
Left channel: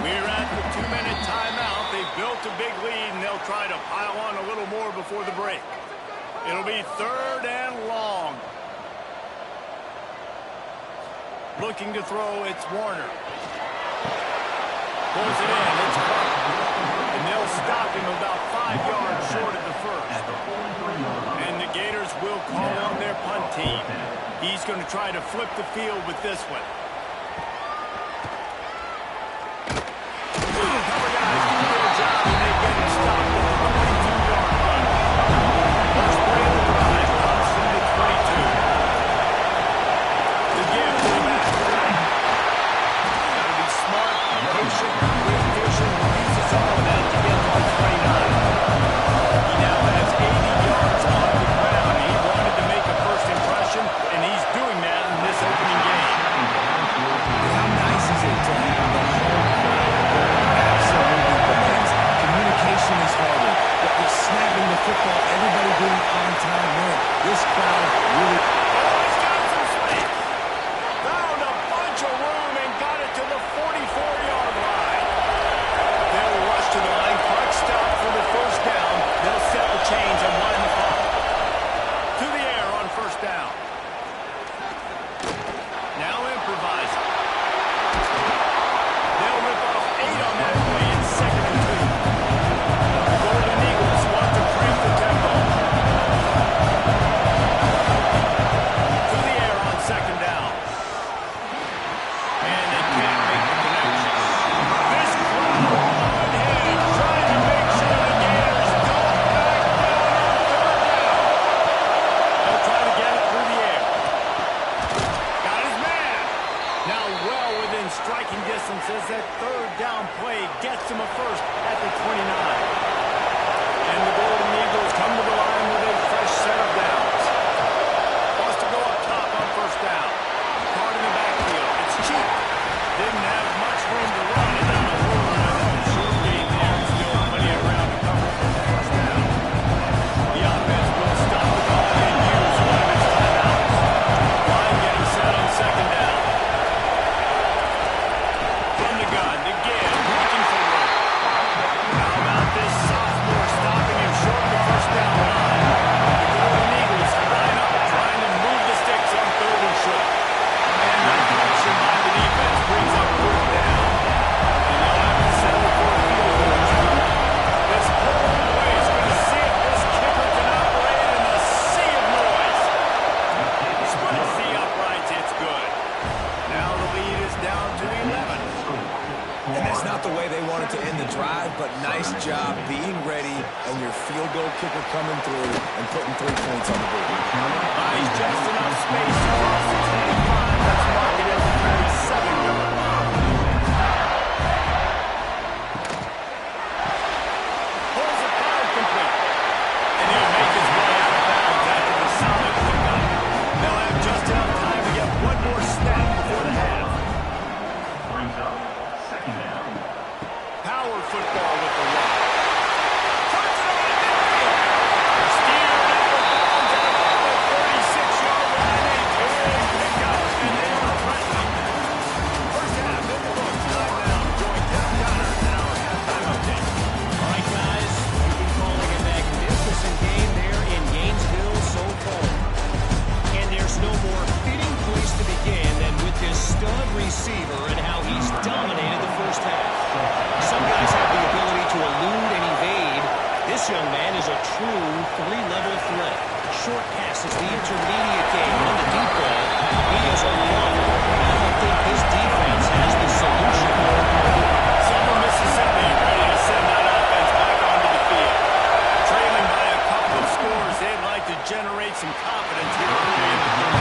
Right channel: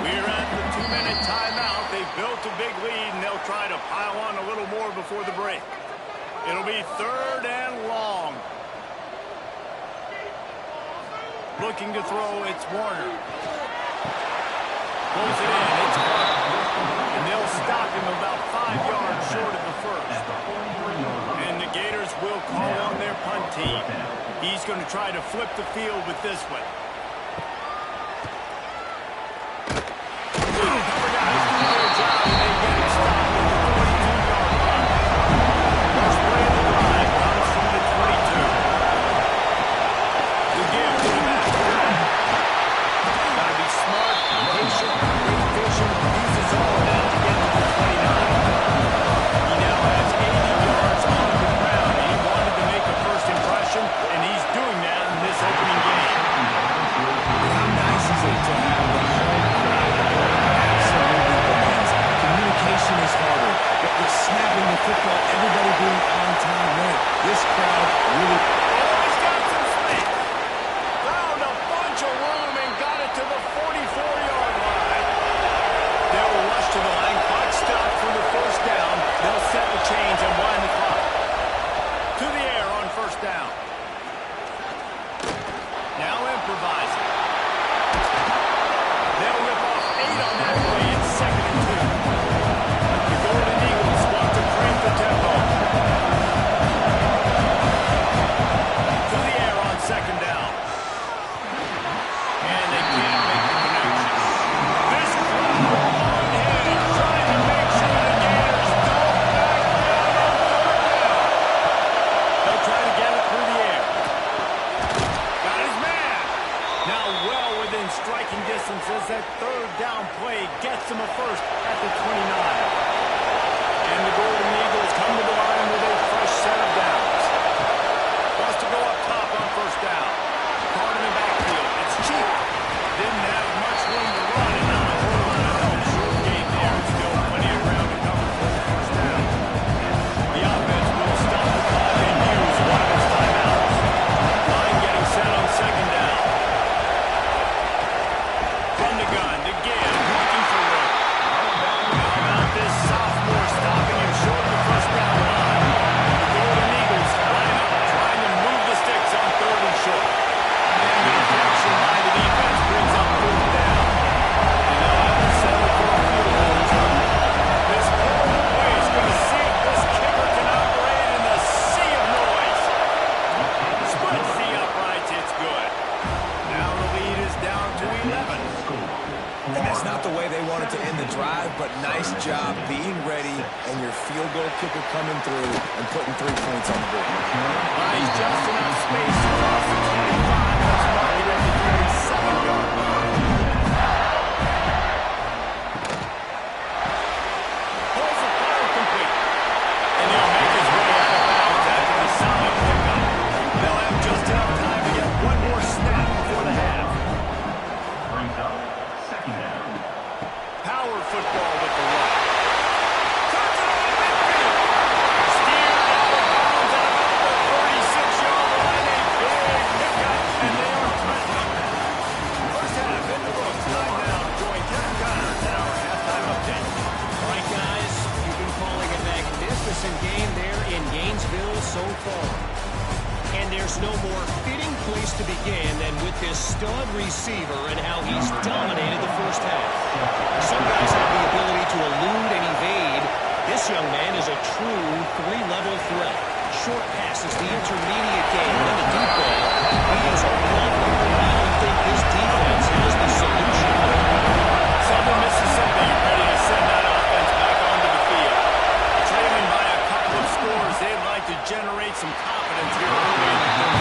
We're at the 2-minute timeout. They've built a big lead, and they'll try to pile on a little more before the break. It'll be 3rd and long. Looking to throw, it's Warner. Pulls it in, it's Clark. And they'll stop him about 5 yards short of the first. And the Gators will call on their punt team. He's going to try to flip the field with this one. Cover guys do their job, and they get it stopped at the 22-yard line. First play of the drive comes from the 22. The give to the back. Got to be smart, patient, great vision, uses all of that to get to the 29. He now has 80 yards on the ground. He wanted to make a first impression, and he's doing that in this opening game. How nice is it to have the home crowd absolutely demands? Communication is harder. But snapping the football, everybody being on time, man, this crowd really... Oh, he's got some space. Found a bunch of room and got it to the 44-yard line. They'll rush to the line. Clock stop for the first down. They'll set the chains and wind the clock. To the air on first down. Now improvising. They'll rip off 8 on that play. It's 2nd and 2. The Golden Eagles want to crank the tempo. To the air on 2nd down. And they can't make the connection. This crowd unhinged, trying to make sure the Gators don't back down on 3rd down. They'll try to get it through the air. Got his man. Now well within striking distance as that 3rd down play gets him a first at the 29. And the Golden Eagles come to the line with a fresh set of downs. Wants to go up top on first down. Caught in the backfield. It's cheap. Didn't have much room to run and not a whole lot of help. Short game there and still plenty of ground to cover for the first down. The offense will stop the clock and use one of its timeouts. Line getting set on 2nd down. From the gun, the give, looking for room. How about this sophomore stopping him short of the first down line? The Golden Eagles line up, trying to move the sticks on 3rd and short. And the deflection by the defense brings up 4th down. And they'll have to settle for a field goal try. This whole way is going to see if this kicker can operate in the sea of noise. Splits the uprights, it's good. Now the lead is down to 11. And that's not the way they wanted to end the drive, but nice job being ready and your field goal kicker coming through and putting 3 points on the board. Buys just enough space across the 25. Let's mark it at the 27-yard line. Pulls it fire complete. And he'll make his way out of bounds after the solid pickup. They'll have just enough time to get one more snap before the half. Brings up 2nd down. Power football with the run. Turns it on at midfield. Steered out of bounds at no more fitting place to begin than with this stud receiver and how he's dominated the first half. Some guys have the ability to elude and evade. This young man is a true three-level threat. Short passes, the intermediate game, and the deep ball. He is a runner. I don't think his defense has the solution. Southern Mississippi ready to send that offense back onto the field. Trailing by a couple of scores, they'd like to generate some confidence here early in the third.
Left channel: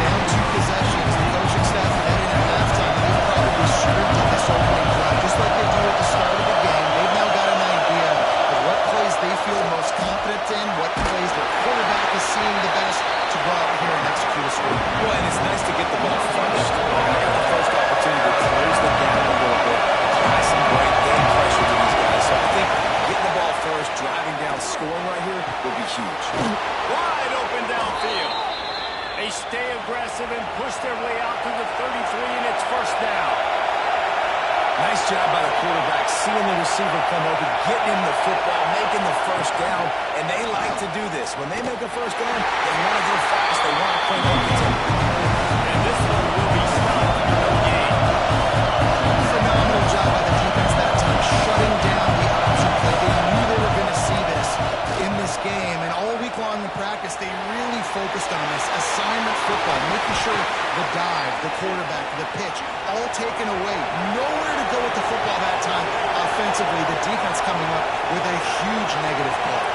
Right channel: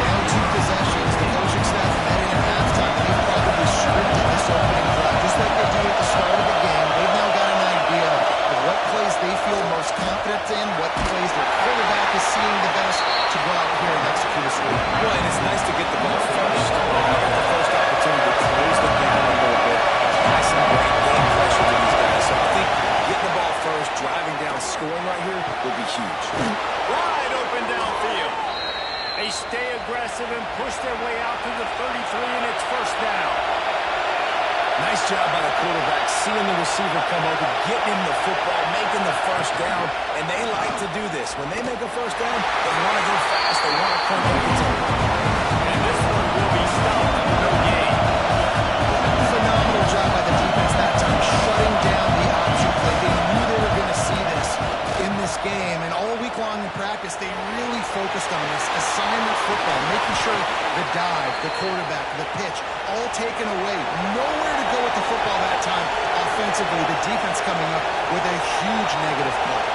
Down 2 possessions, the coaching staff met in at halftime, and they've probably scripted this opening drive, just like they do at the start of the game. They've now got an idea of what plays they feel most confident in, what plays their quarterback is seeing the best to go out here and execute a score. Well, and it's nice to get the ball first. I got the first opportunity to close the gap a little bit, apply some great game pressure to these guys. So I think getting the ball first, driving down, scoring right here will be huge. Wide open downfield. They stay aggressive and push their way out to the 33, and it's first down. Nice job by the quarterback, seeing the receiver come open, getting him the football, making the first down, and they like to do this. When they make a first down, they want to go fast, they want to crank up the tempo. And this one will be stopped for no gain. Phenomenal job by the defense that time, shutting down the option play. They knew they were going to see this in this game, and all week long in practice, they really focused on this assignment football, making sure the dive, the quarterback, the pitch, all taken away. Nowhere to go with the football that time. Offensively, the defense coming up with a huge negative play.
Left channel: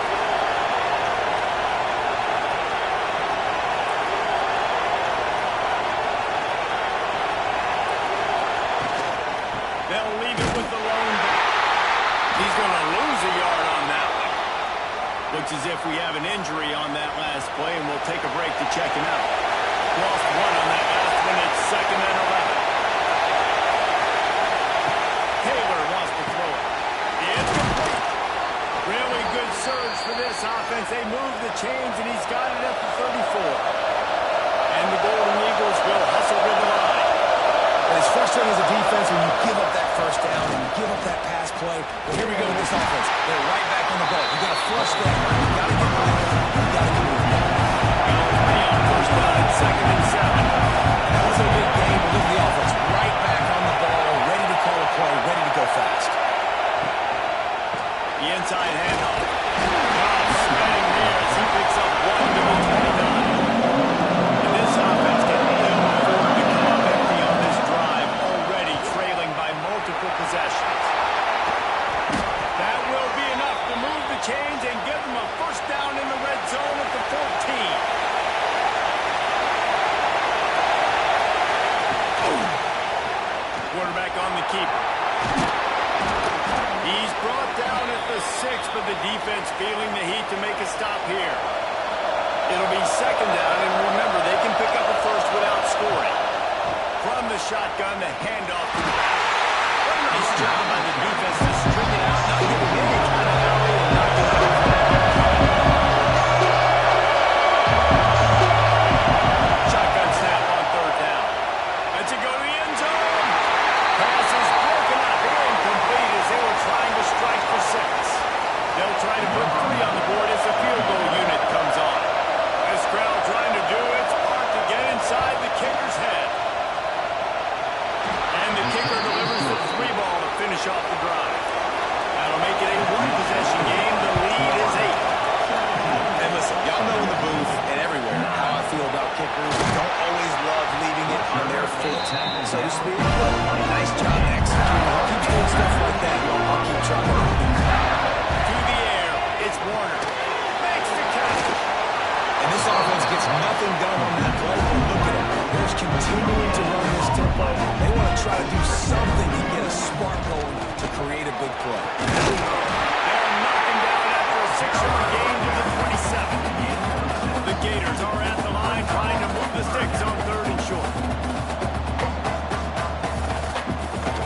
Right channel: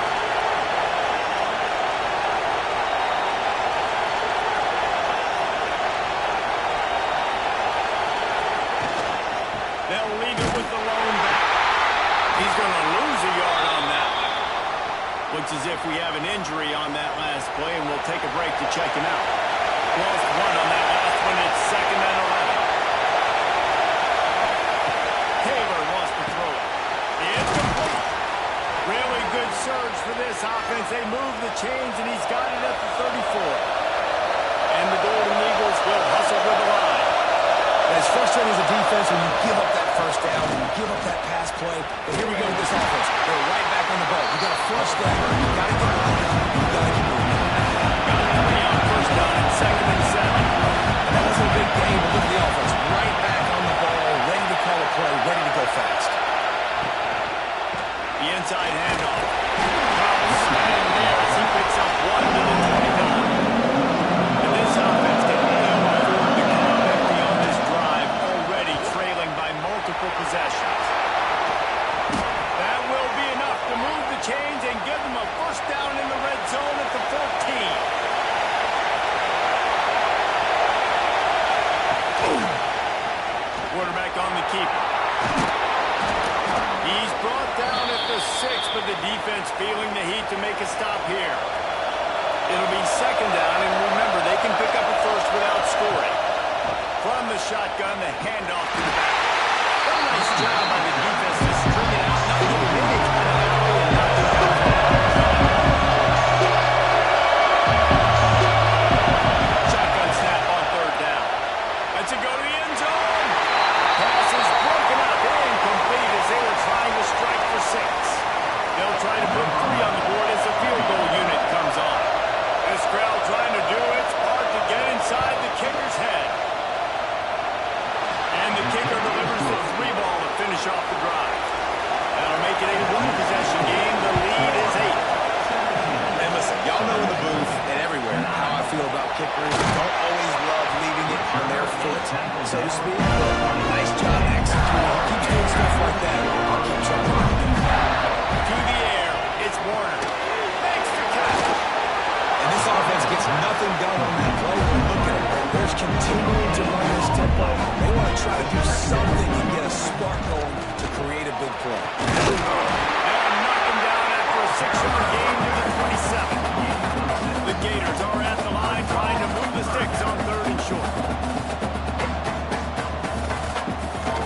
They'll leave it with the lone back. He's going to lose a yard on that one. Looks as if we have an injury on that last play, and we'll take a break to check him out. Lost one on that last one. It's 2nd and 11. Taylor wants to throw it. Incomplete. Really good surge for this offense. They move the chains, and he's got it at the 34. And the Golden Eagles will hustle with the line. And it's frustrating as a defense when you give up that first down and you give up that pass play. But here we go with this offense. They're right back on the ball. You got to flush that. You got to get lined up. You got to get moving. Got 3 on first down at 2nd and 7. And that wasn't a big game, but look at the offense. Right back on the ball, ready to call a play, ready to go fast. The inside handoff. Spreading there as he picks up 1 to the 29. And this offense can ill afford to come up empty on this drive, already trailing by multiple possessions. That will be enough to move the chains and give them a first down in the red zone at the 14. Quarterback on the keeper. He's brought down at the 6, but the defense feeling the heat to make a stop here. It'll be 2nd down, and remember, they can pick up a first without scoring. From the shotgun, the handoff to the back. What a nice job by the defense to string it out, not giving any kind of alley and knock it down. Shotgun snap on 3rd down. Lets it go to the end zone. Pass is broken up, incomplete as they were trying to strike for 6. They'll try to put 3 on the board as the field goal unit comes on. This crowd trying to do its part to get inside the kicker's head. And the kicker delivers the 3 ball to finish off the drive. That'll make it a 1-possession game. The lead is 8. And listen, y'all know in the booth and everywhere how I feel about kickers. Don't always love leaving it on their foot, so to speak, but nice job executing. He keeps doing stuff like that. I'll keep trying to do that. To the air, it's Warner. Makes the catch. And this offense gets nothing done on that play, but look at it. They're continuing to run this tempo. They want to try to do something to get a spark going to create a big play. They'll knock him down after a 6-yard gain to the 27. The Gators are at the line trying to move the sticks on 3rd and short.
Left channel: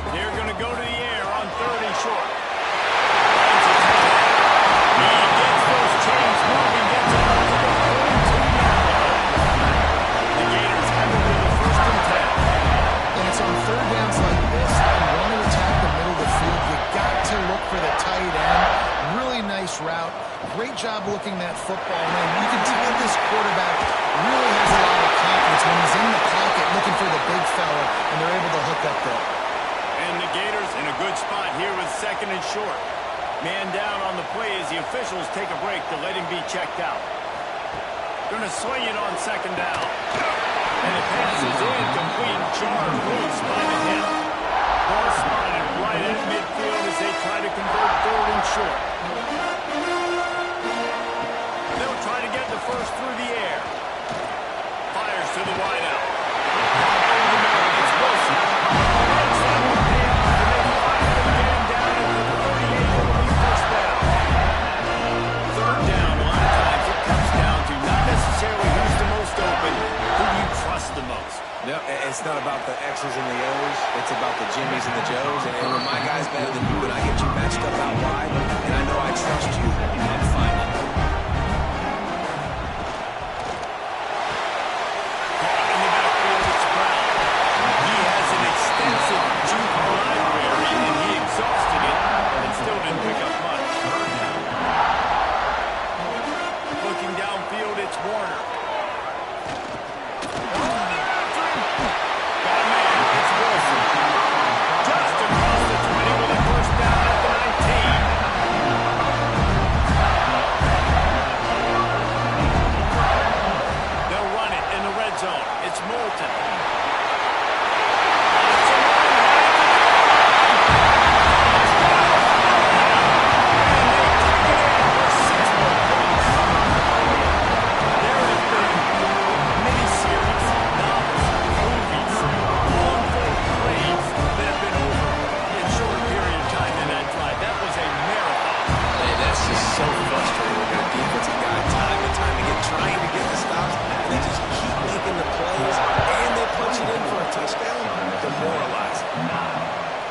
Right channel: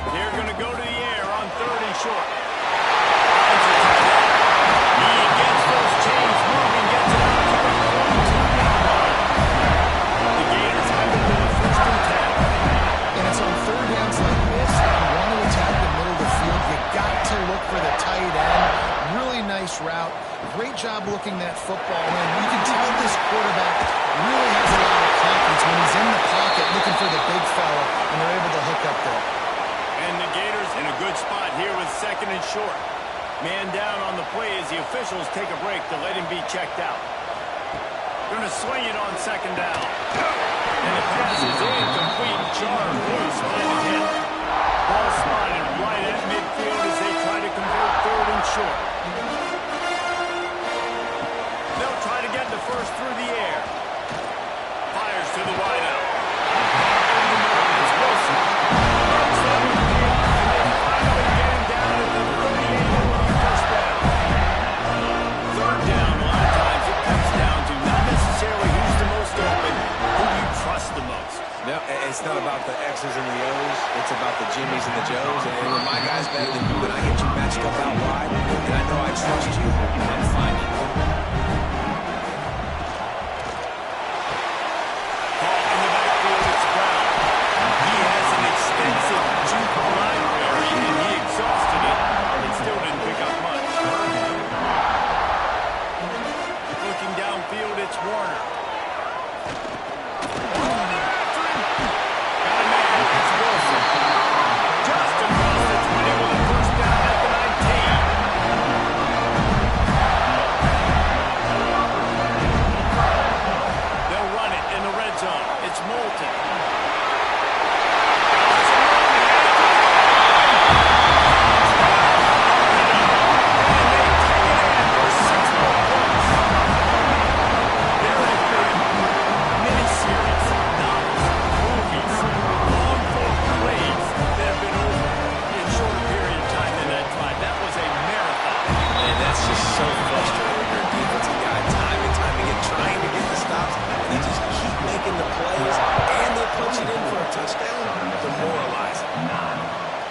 They're going to go to the air on 3rd and short. Finds the tight end. He gets those chains moving, gets it out to the 42-yard line. The Gators have it with a 1st and 10. And it's on 3rd downs like this that you want to attack the middle of the field. You got to look for the tight end. Really nice route. Great job looking that football in. You can tell this quarterback really has a lot of confidence the big fella, and they're able to hook up there. And the Gators in a good spot here with 2nd and short. Man down on the play as the officials take a break to let him be checked out. Going to swing it on 2nd down. And the pass is incomplete, charged loose by the hit. Ball spotted right at midfield as they try to convert 3rd and short. They'll try to get the first through the air. Fires to the wideout. Over the middle, it's Wilson. Makes that one pay off, and they finally get him down at the 38. It'll be first down. 3rd down, a lot of times it comes down to not necessarily who's the most open, who do you trust the most. No, it's not about the X's and the O's. It's about the Jimmies and the Joes. And when my guy's better than you and I get you matched up out wide, and I know I trust you, I'm finding you. Caught in the backfield, it's Brown. He has an extensive juke library, and he exhausted it and still didn't pick up much. Looking downfield, it's Warner. Wilson. Just across the 20 with a first down at the 19. They'll run it in the red zone. It's Moulton. And they take it in for 6 more points. There have been miniseries, novels, movies, plays that have been over in a shorter period of time than that drive. That was a marathon. Man, that's just so frustrating when you're a defensive guy time and time again trying to get the stops, and they just keep making the plays, and they punch it in for a touchdown. Demoralizing.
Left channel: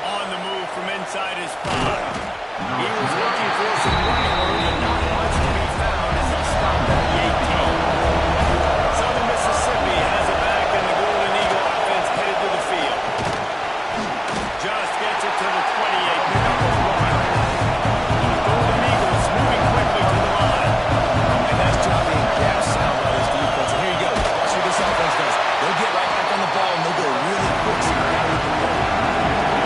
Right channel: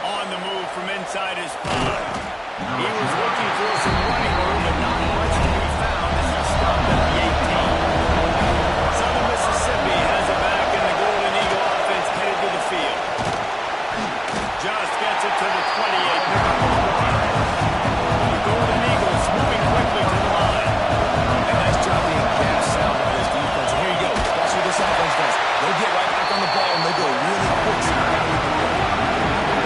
On the move from inside his 5. He was looking for some running room, but not much to be found as he stopped at the 18. Southern Mississippi has it back, and the Golden Eagle offense headed to the field. Just gets it to the 28, pick up a 1. The Golden Eagles moving quickly to the line. And nice job being gap sound by this defense. And here you go. Watch what this offense does. They'll get right back on the ball, and they'll go really quick so you can't even play.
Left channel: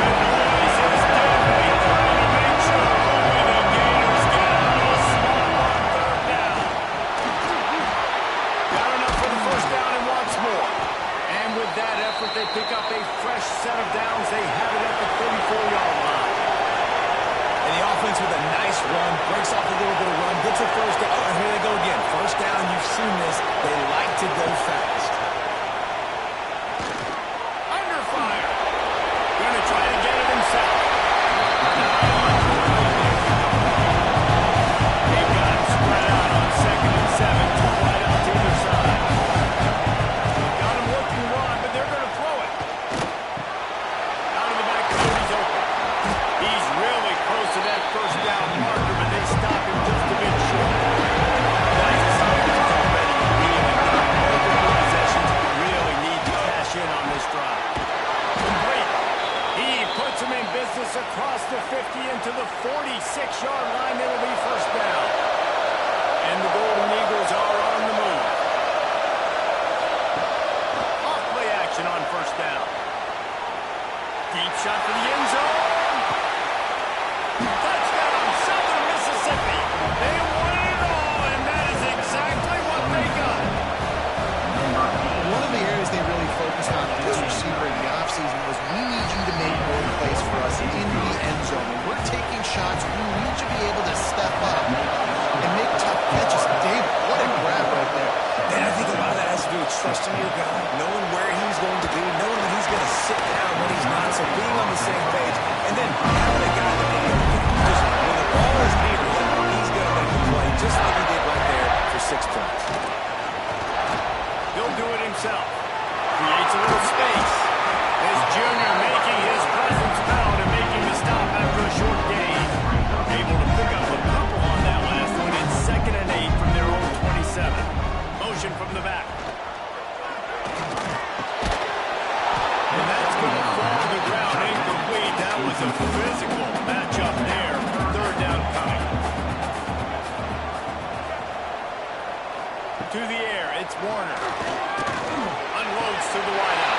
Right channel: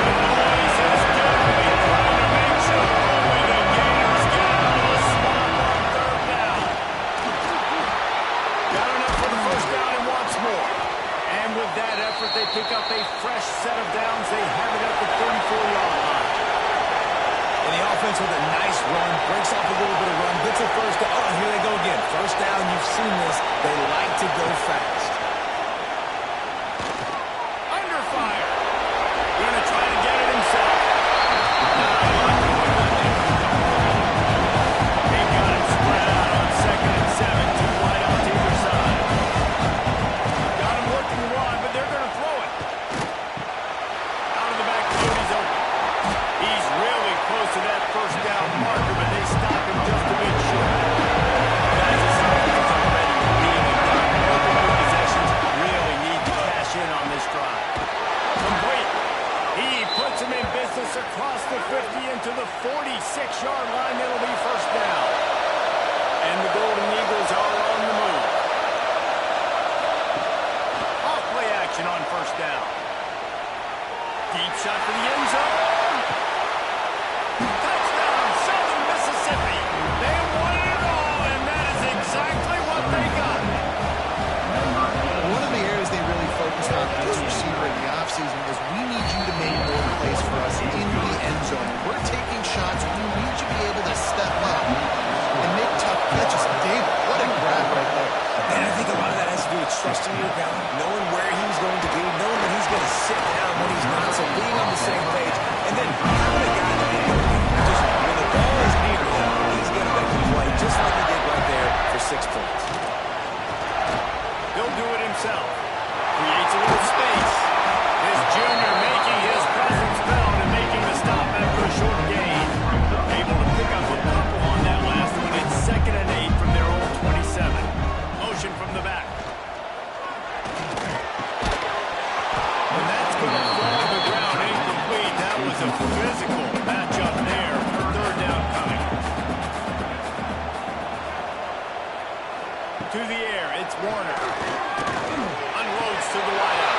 The noise is deadly, trying to make sure only the Gators get out of the swamp on 3rd down. Got enough for the first down and wants more. And with that effort, they pick up a fresh set of downs. They have it at the 34-yard line. And the offense with a nice run, breaks off a little bit of run, gets a first down. Oh, and here they go again. First down, you've seen this. They like to go fast. Under fire. Going to try to get it himself. Not a lot going on there. They got him spread out on 2nd and 7. 2 wide out to either side. Got him looking wide, but they're going to throw it. Out of the backfield, he's open. He's really close to that first down marker, but they stop him just a bit short. Guys, this offense is already really done. Multiple possessions really need to cash in on this drive. Complete. He puts him in business across the 50 into the 46-yard line. It'll be first down. And the Golden Eagles are on the move. Off play action on first down. Deep shot for the end zone. Touchdown, Southern Mississippi. They won it all, and that is exactly what they got. One of the areas they really focused on for this receiver in the offseason was we need you to make more plays for us in the end zone. When we're taking shots, we need you to be able to step up and make tough catches. David, what a grab right there. And I think a lot of that has to do with trusting your guy, knowing where he's going to be, knowing that he's going to sit down when he's not, so being on the same page, and then having a guy that can go get it. Just when the ball is near him, he's going to make the play, just like he did right there for 6 points. He'll do it himself. Creates a little space. This junior making his presence felt and making the stop after a short gain. Able to pick up a couple on that last one. It's 2nd and 8 from their own 27. Motion from the back. And that's going to fall to the ground incomplete. That was a physical matchup there. 3rd down coming. through the air. It's Warner. Unloads to the wideout.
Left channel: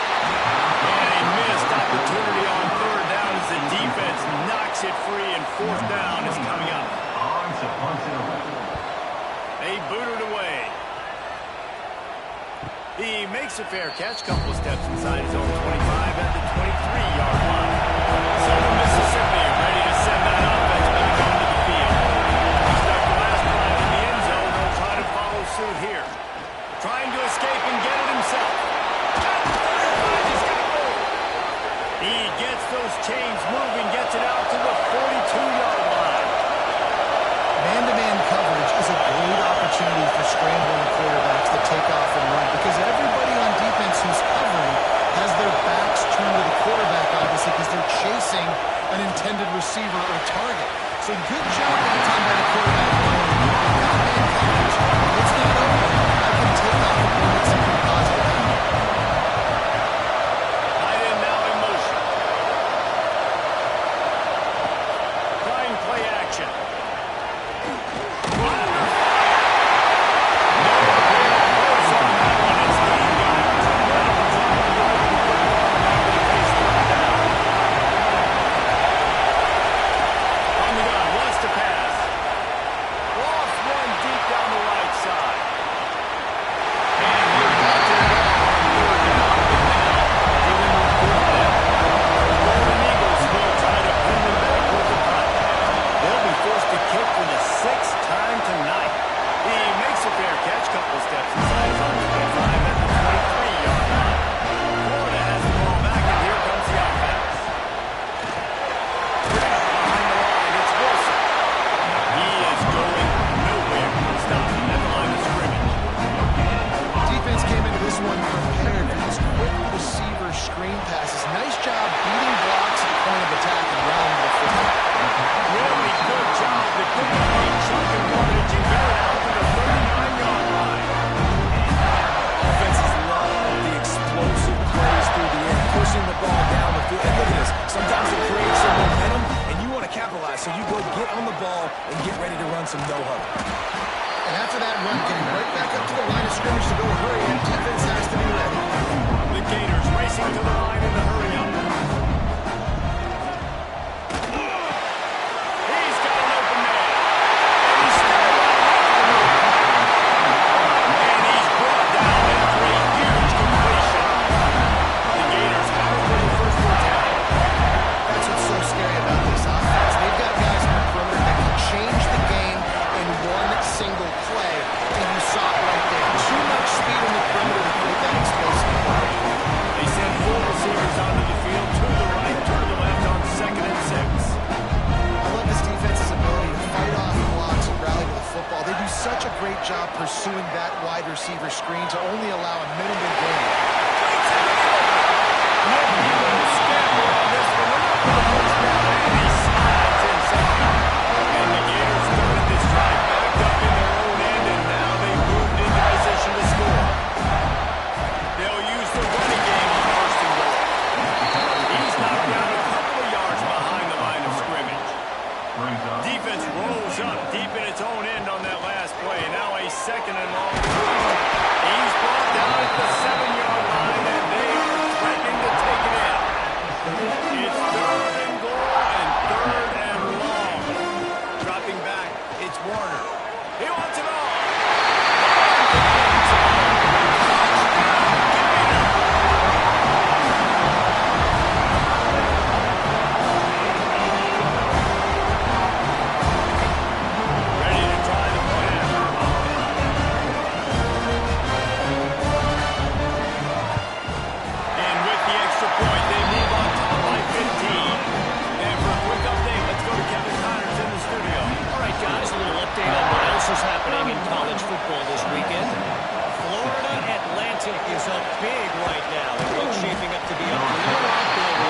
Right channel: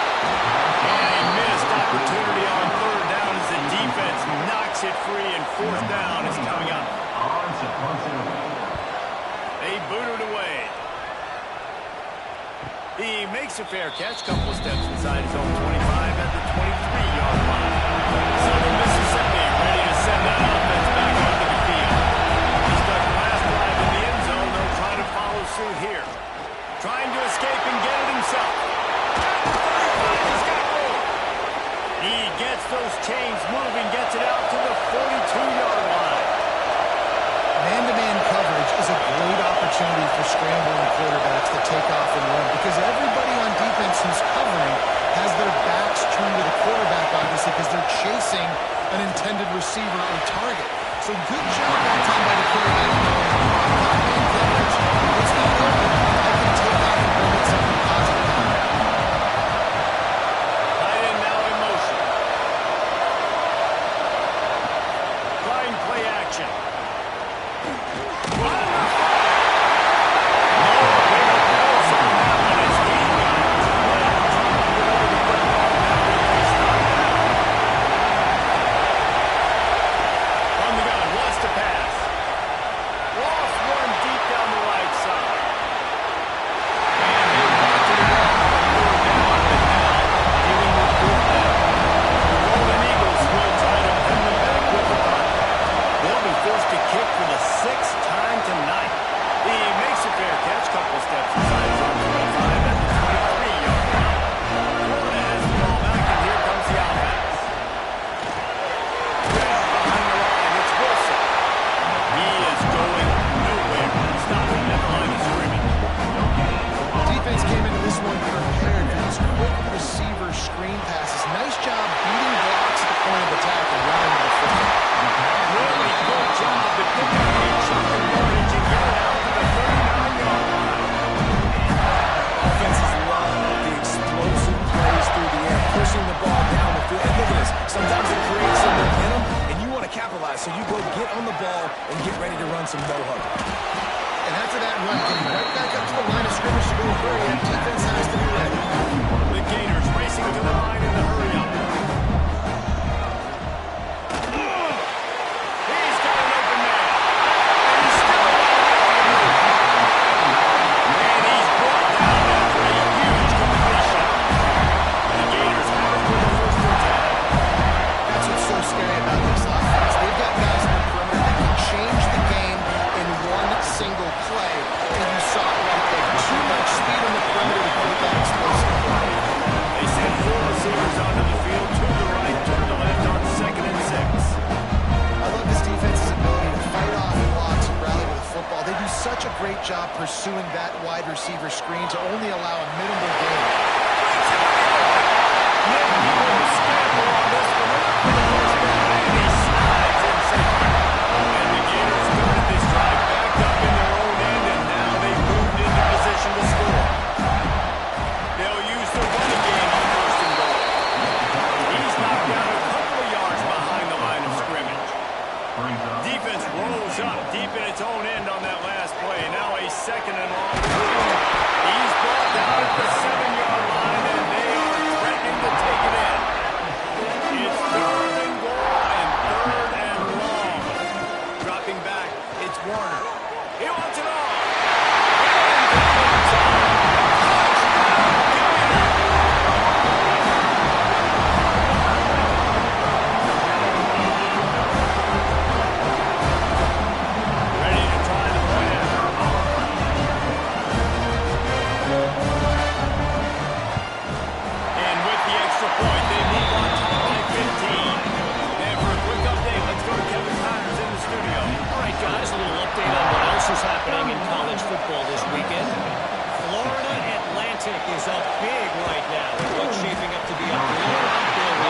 And a missed opportunity on third down as the defense knocks it free, and fourth down is coming up. Punts it away. They boot it away. He makes a fair catch, couple of steps inside his own 25 at the 23-yard line. Southern Mississippi ready to send that offense back onto the field. He stuck the last drive in the end zone. They'll try to follow suit here. Trying to escape and get it himself. At the 35, he's got room. He gets those chains moving, gets it out to the 42-yard line. Man-to-man coverage is a great opportunity for scrambling quarterbacks to take off and run, because everybody on defense who's covering has their backs turned to the quarterback, obviously, because they're chasing an intended receiver or target. So good job that time by the quarterback knowing, I've got man coverage, it's not open, I can take off and go get something positive out. Tight end now in motion. Trying play action. Under fire. No real pulse on that one as he got it. Well, trying to deliver the football. Now they face third down. On the gun, wants to pass. Lost one deep down the right side. And they blocked it well on third down, but now dealing with fourth down. The Golden Eagles will try to pin them back with the punt. They'll be forced to kick for the sixth time tonight. He makes a fair catch, couple steps inside his own 25 at the 23-yard line. Florida has the ball back, and here comes the offense. Behind the line, it's Wilson. He is going nowhere. Stopping at the line of scrimmage. Defense came into this one prepared for these quick receiver screen passes. Nice job beating blocks at the point of attack and rounding the football. Really good job to pick up a chunk of yardage and get it out to the 39-yard line. Offenses love the explosive plays through the air, pushing the ball down the field. And look at this. Sometimes it creates some momentum, and you want to capitalize. So you go get on the ball and get ready to run some no-huddle. And after that run, getting right back up to the line of scrimmage to go hurry up, defense has to be ready. The Gators racing to the line in the hurry-up. He's got an open man. And he's still running after the move. And he's brought down after a huge completion. The Gators have it for the first and 10. That's what's so scary about this offense. They've got guys in the perimeter that can change the game in one single play, and you saw it right there. Too much speed in the perimeter to create that explosive play. They send four receivers onto the field, to the right, to the left on 2nd and 6. I love this defense's ability to fight off blocks and rally to the football. They do such a great job pursuing that wide receiver screen to only allow a minimal gain. Breaks into the open. Nifty little scamper on this one. They're not for the first down, and he slides in safety. And the Gators started this drive backed up in their own end, and now they moved into position to score. They'll use the running game on 1st and goal. He's knocked down a couple of yards behind the line of scrimmage. Defense rose up deep in its own end on that last play. Now a 2nd and long. He's brought down at the 7-yard line, and they are threatening to take it in. It's 3rd and goal and 3rd and long. Dropping back, it's Warner. He wants it all. And the game's on. Touchdown, Gator! Ready to try the point after. And with the extra point, they move on top by 15. And for a quick update, let's go to Kevin Connors in the studio. All right, guys, a little update on what else is happening in college football this weekend. Florida Atlantic is up big right now. It looks shaping up to be a blowout bill.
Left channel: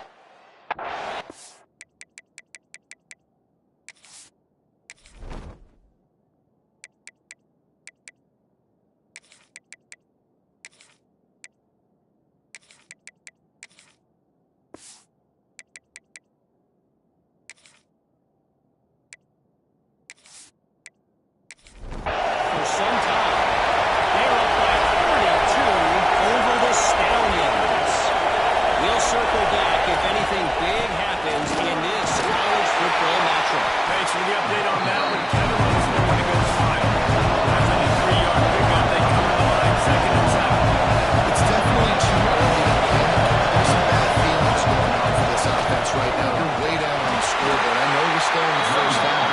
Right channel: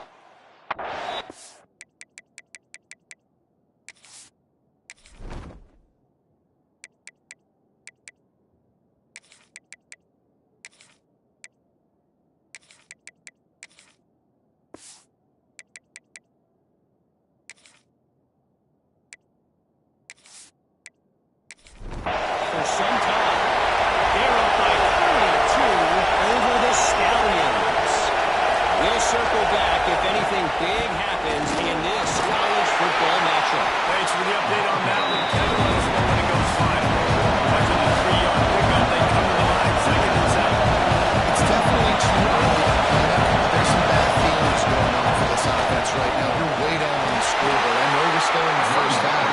For some time. They're circle back if anything big happens in this college football matchup. Thanks for the update on that one, Kevin. Let us know when it goes final. After the 3-yard pickup, they come to the line, 2nd and 7. It's definitely too early to panic, but there's some bad feelings going on for this offense right now. You're way down on the scoreboard. I know we're still in the first half,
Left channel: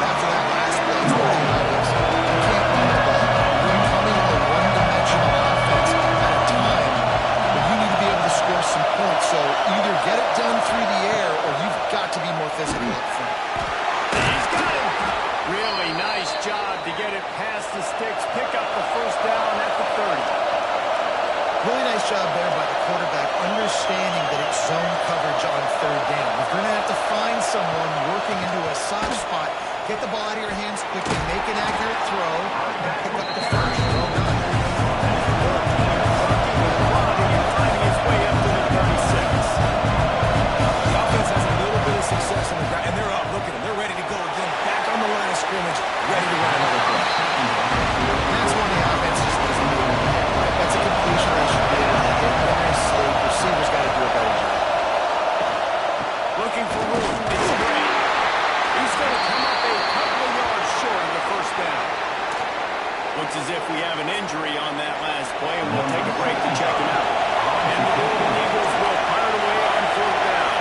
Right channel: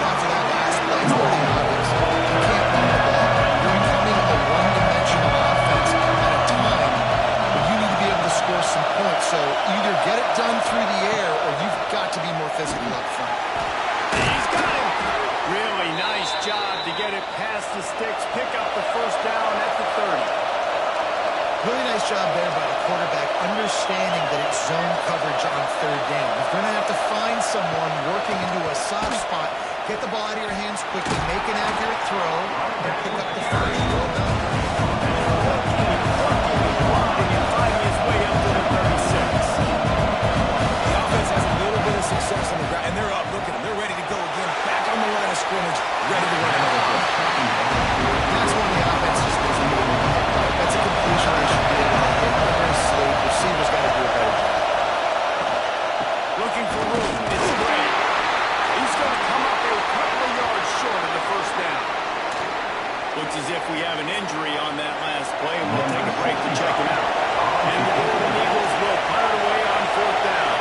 but after that last play, it's pretty obvious. You can't run the ball. You're becoming a one-dimensional offense at a time when you need to be able to score some points. So either get it done through the air or you've got to be more physical up front. He's got him. Really nice job to get it past the sticks, pick up the first down at the 30. Really nice job there by the quarterback, understanding that it's zone coverage on 3rd down. You're going to have to find someone working into a soft spot, get the ball out of your hands quickly, make an accurate throw, and pick up the first. Well done. Working and blocking and finding his way up to the 36. The offense has a little bit of success on the ground, and they're up. Look at them. They're ready to go again. Back on the line of scrimmage, ready to run another play. That's when the offense just doesn't do it. That's a completion they should be able to hit. When they're asleep, receivers got to do a better job. Looking for room. It's great. He's going to come up a couple of yards short of the first down. Looks as if we have an injury on that last play, and we'll take a break to check him out. And the Golden Eagles will fire it away on 4th down.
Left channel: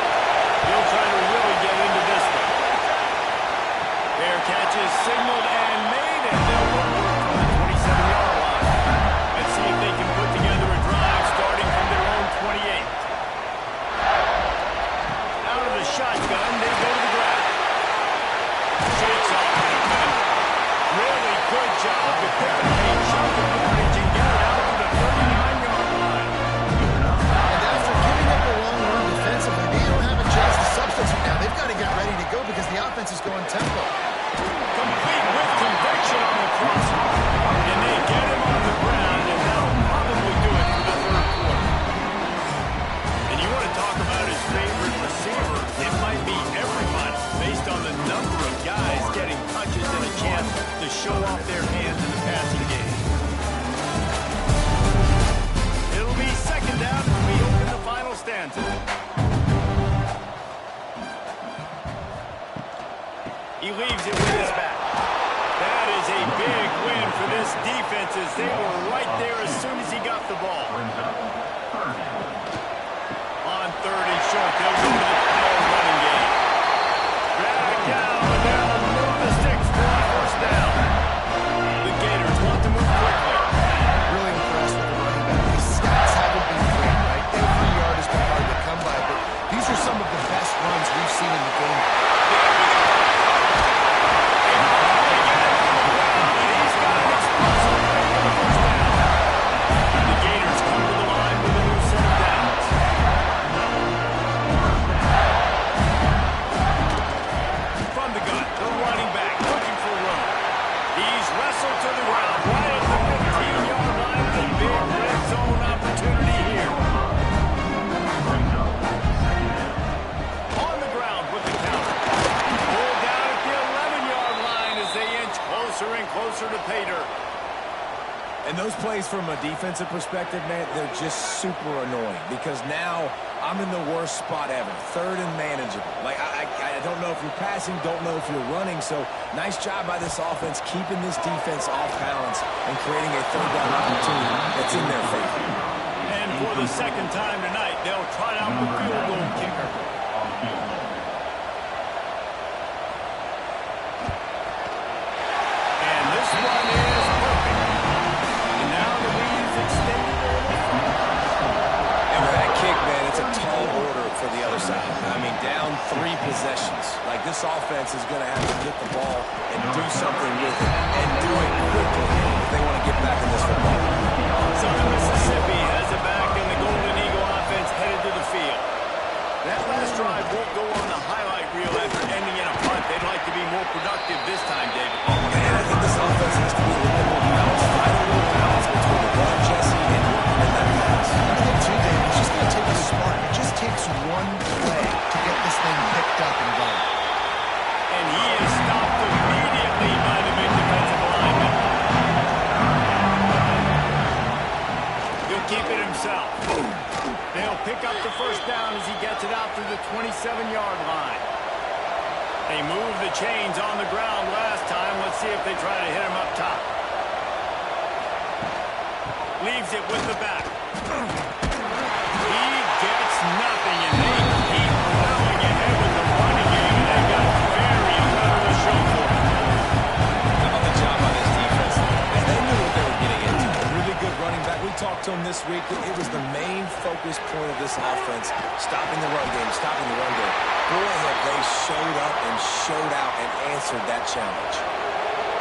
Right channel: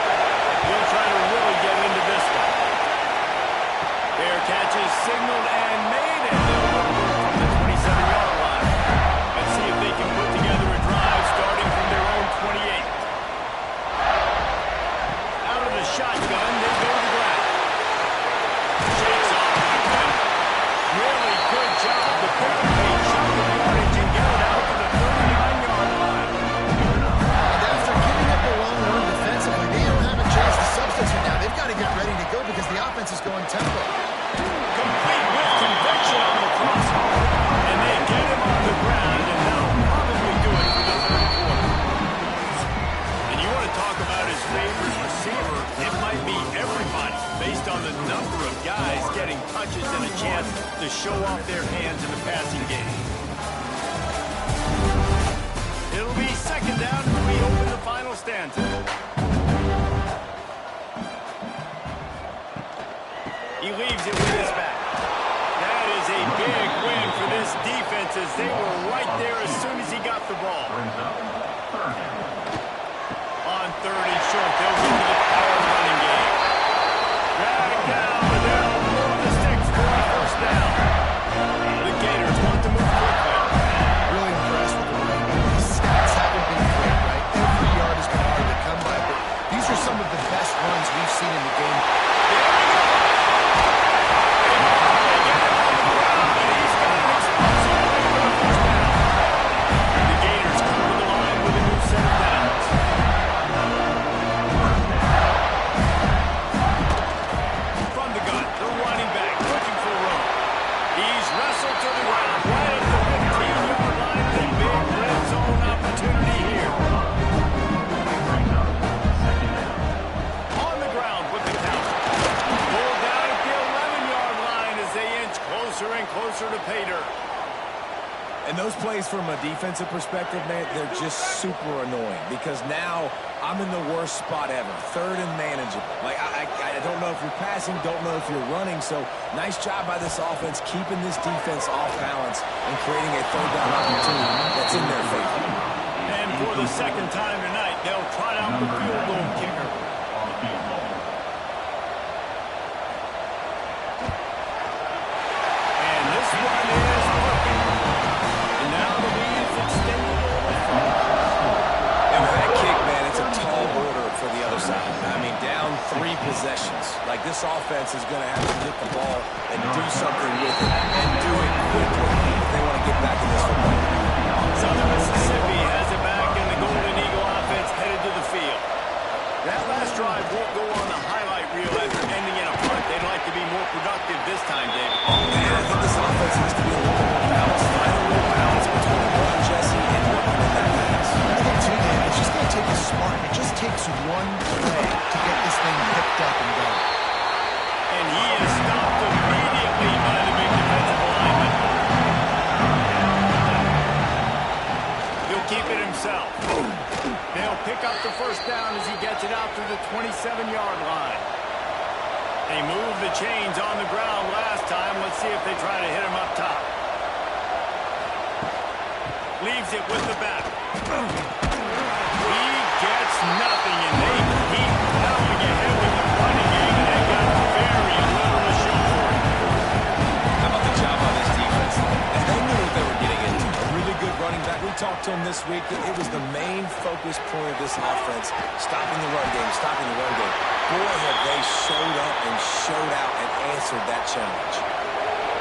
They'll try to really get into this one. Fair catch is signaled and made, and they'll go to work from the 27-yard line. Let's see if they can put together a drive starting from their own 28. Out of the shotgun, they go to the ground. Shakes off the defender. Really good job to pick up a chunk of yardage and get it out to the 39-yard line. And after giving up a long run defensively, they don't have a chance to substitute now. They've got to get ready to go because the offense is going tempo. Complete with conviction on the crosser. And they get him on the ground, and that'll probably do it for the 3rd quarter. And you want to talk about his favorite receiver, it might be everybody, based on the number of guys getting touches and a chance to show off their hands in the passing game. It'll be 2nd down as we open the final stanza. He leaves it with his back. That is a big win for this defense as they were right there as soon as he got the ball. On 3rd and short, they'll go to the power running game. Drag down, but they'll move the sticks for a first down. The Gators want to move quickly. Really impressed with the running back. His stats haven't been great, right? Every yard has been hard to come by, but these are some of the best runs we've seen in the game. There we go. They get him on the ground, and he's got an explosive play for the first down. The Gators come to the line with a new set of downs. From the gun, the running back looking for room. He's wrestled to the ground right at the 15-yard line. A big red zone opportunity here. On the ground with the counter. Pulled down at the 11-yard line as they inch closer and closer to pay dirt. And those plays from a defensive perspective, man, they're just super annoying because now I'm in the worst spot ever. 3rd and manageable. Like, I don't know if you're passing, don't know if you're running. So nice job by this offense keeping this defense off balance and creating a 3rd down opportunity that's in their favor. And for the 2nd time tonight, they'll trot out the field goal kicker. And this one is perfect. And now the lead is extended a little further. And with that kick, man, it's a tall order for the other side. I mean, down 3 possessions. Like, this offense is going to have to get the ball and do something with it and do it quickly if they want to get back in this football. Southern Mississippi has it back, and the Golden Eagle offense headed to the field. That last drive won't go on the highlight reel after ending in a punt. They'd like to be more productive this time, David. And I think this offense has to be a little bit more balanced. Find a little balance between the run, Jesse, and working in that pass. I think, too, Dave, it's just going to take a spark. It just takes one play to get this thing picked up and going. And he is stopped immediately by the big defensive lineman. He'll keep it himself. They'll pick up the first down as he gets it out to the 27-yard line. They moved the chains on the ground last time. Let's see if they try to hit him up top. Leaves it with the back. He gets nothing, and they keep plowing ahead with the running game, and they've got very little to show for it. How about the job on this defense? They knew what they were getting into. A really good running back. We talked to him this week. It was the main focus point of this offense. Stopping the run game, stopping the run game. Boy, have they showed up and showed out and answered that challenge.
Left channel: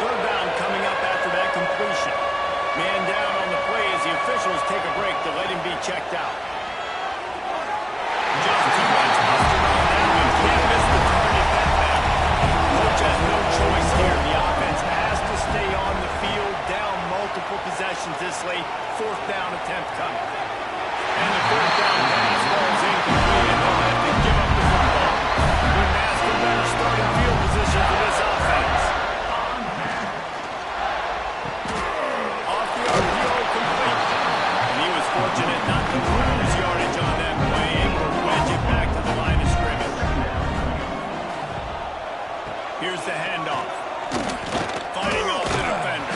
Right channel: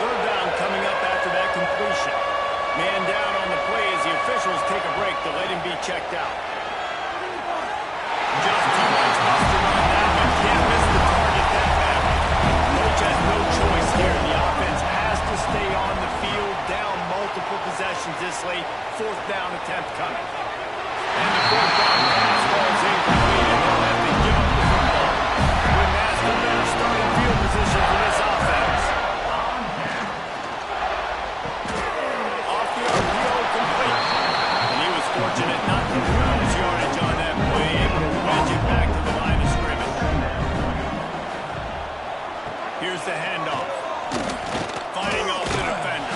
Third down coming up after that completion. Man down on the play as the officials take a break to let him be checked out. Just too much mustard on that one. Can't miss the target that badly. Coach has no choice here. The offense has to stay on the field, down multiple possessions this late. Fourth down attempt coming. And the fourth down pass falls incomplete, and they'll have to give up the football. Couldn't ask for better starting field position for this offense. Off the RPO complete. And he was fortunate not to lose yardage on that play, able to wedge it back to the line of scrimmage. Here's the handoff. Fighting off the defender.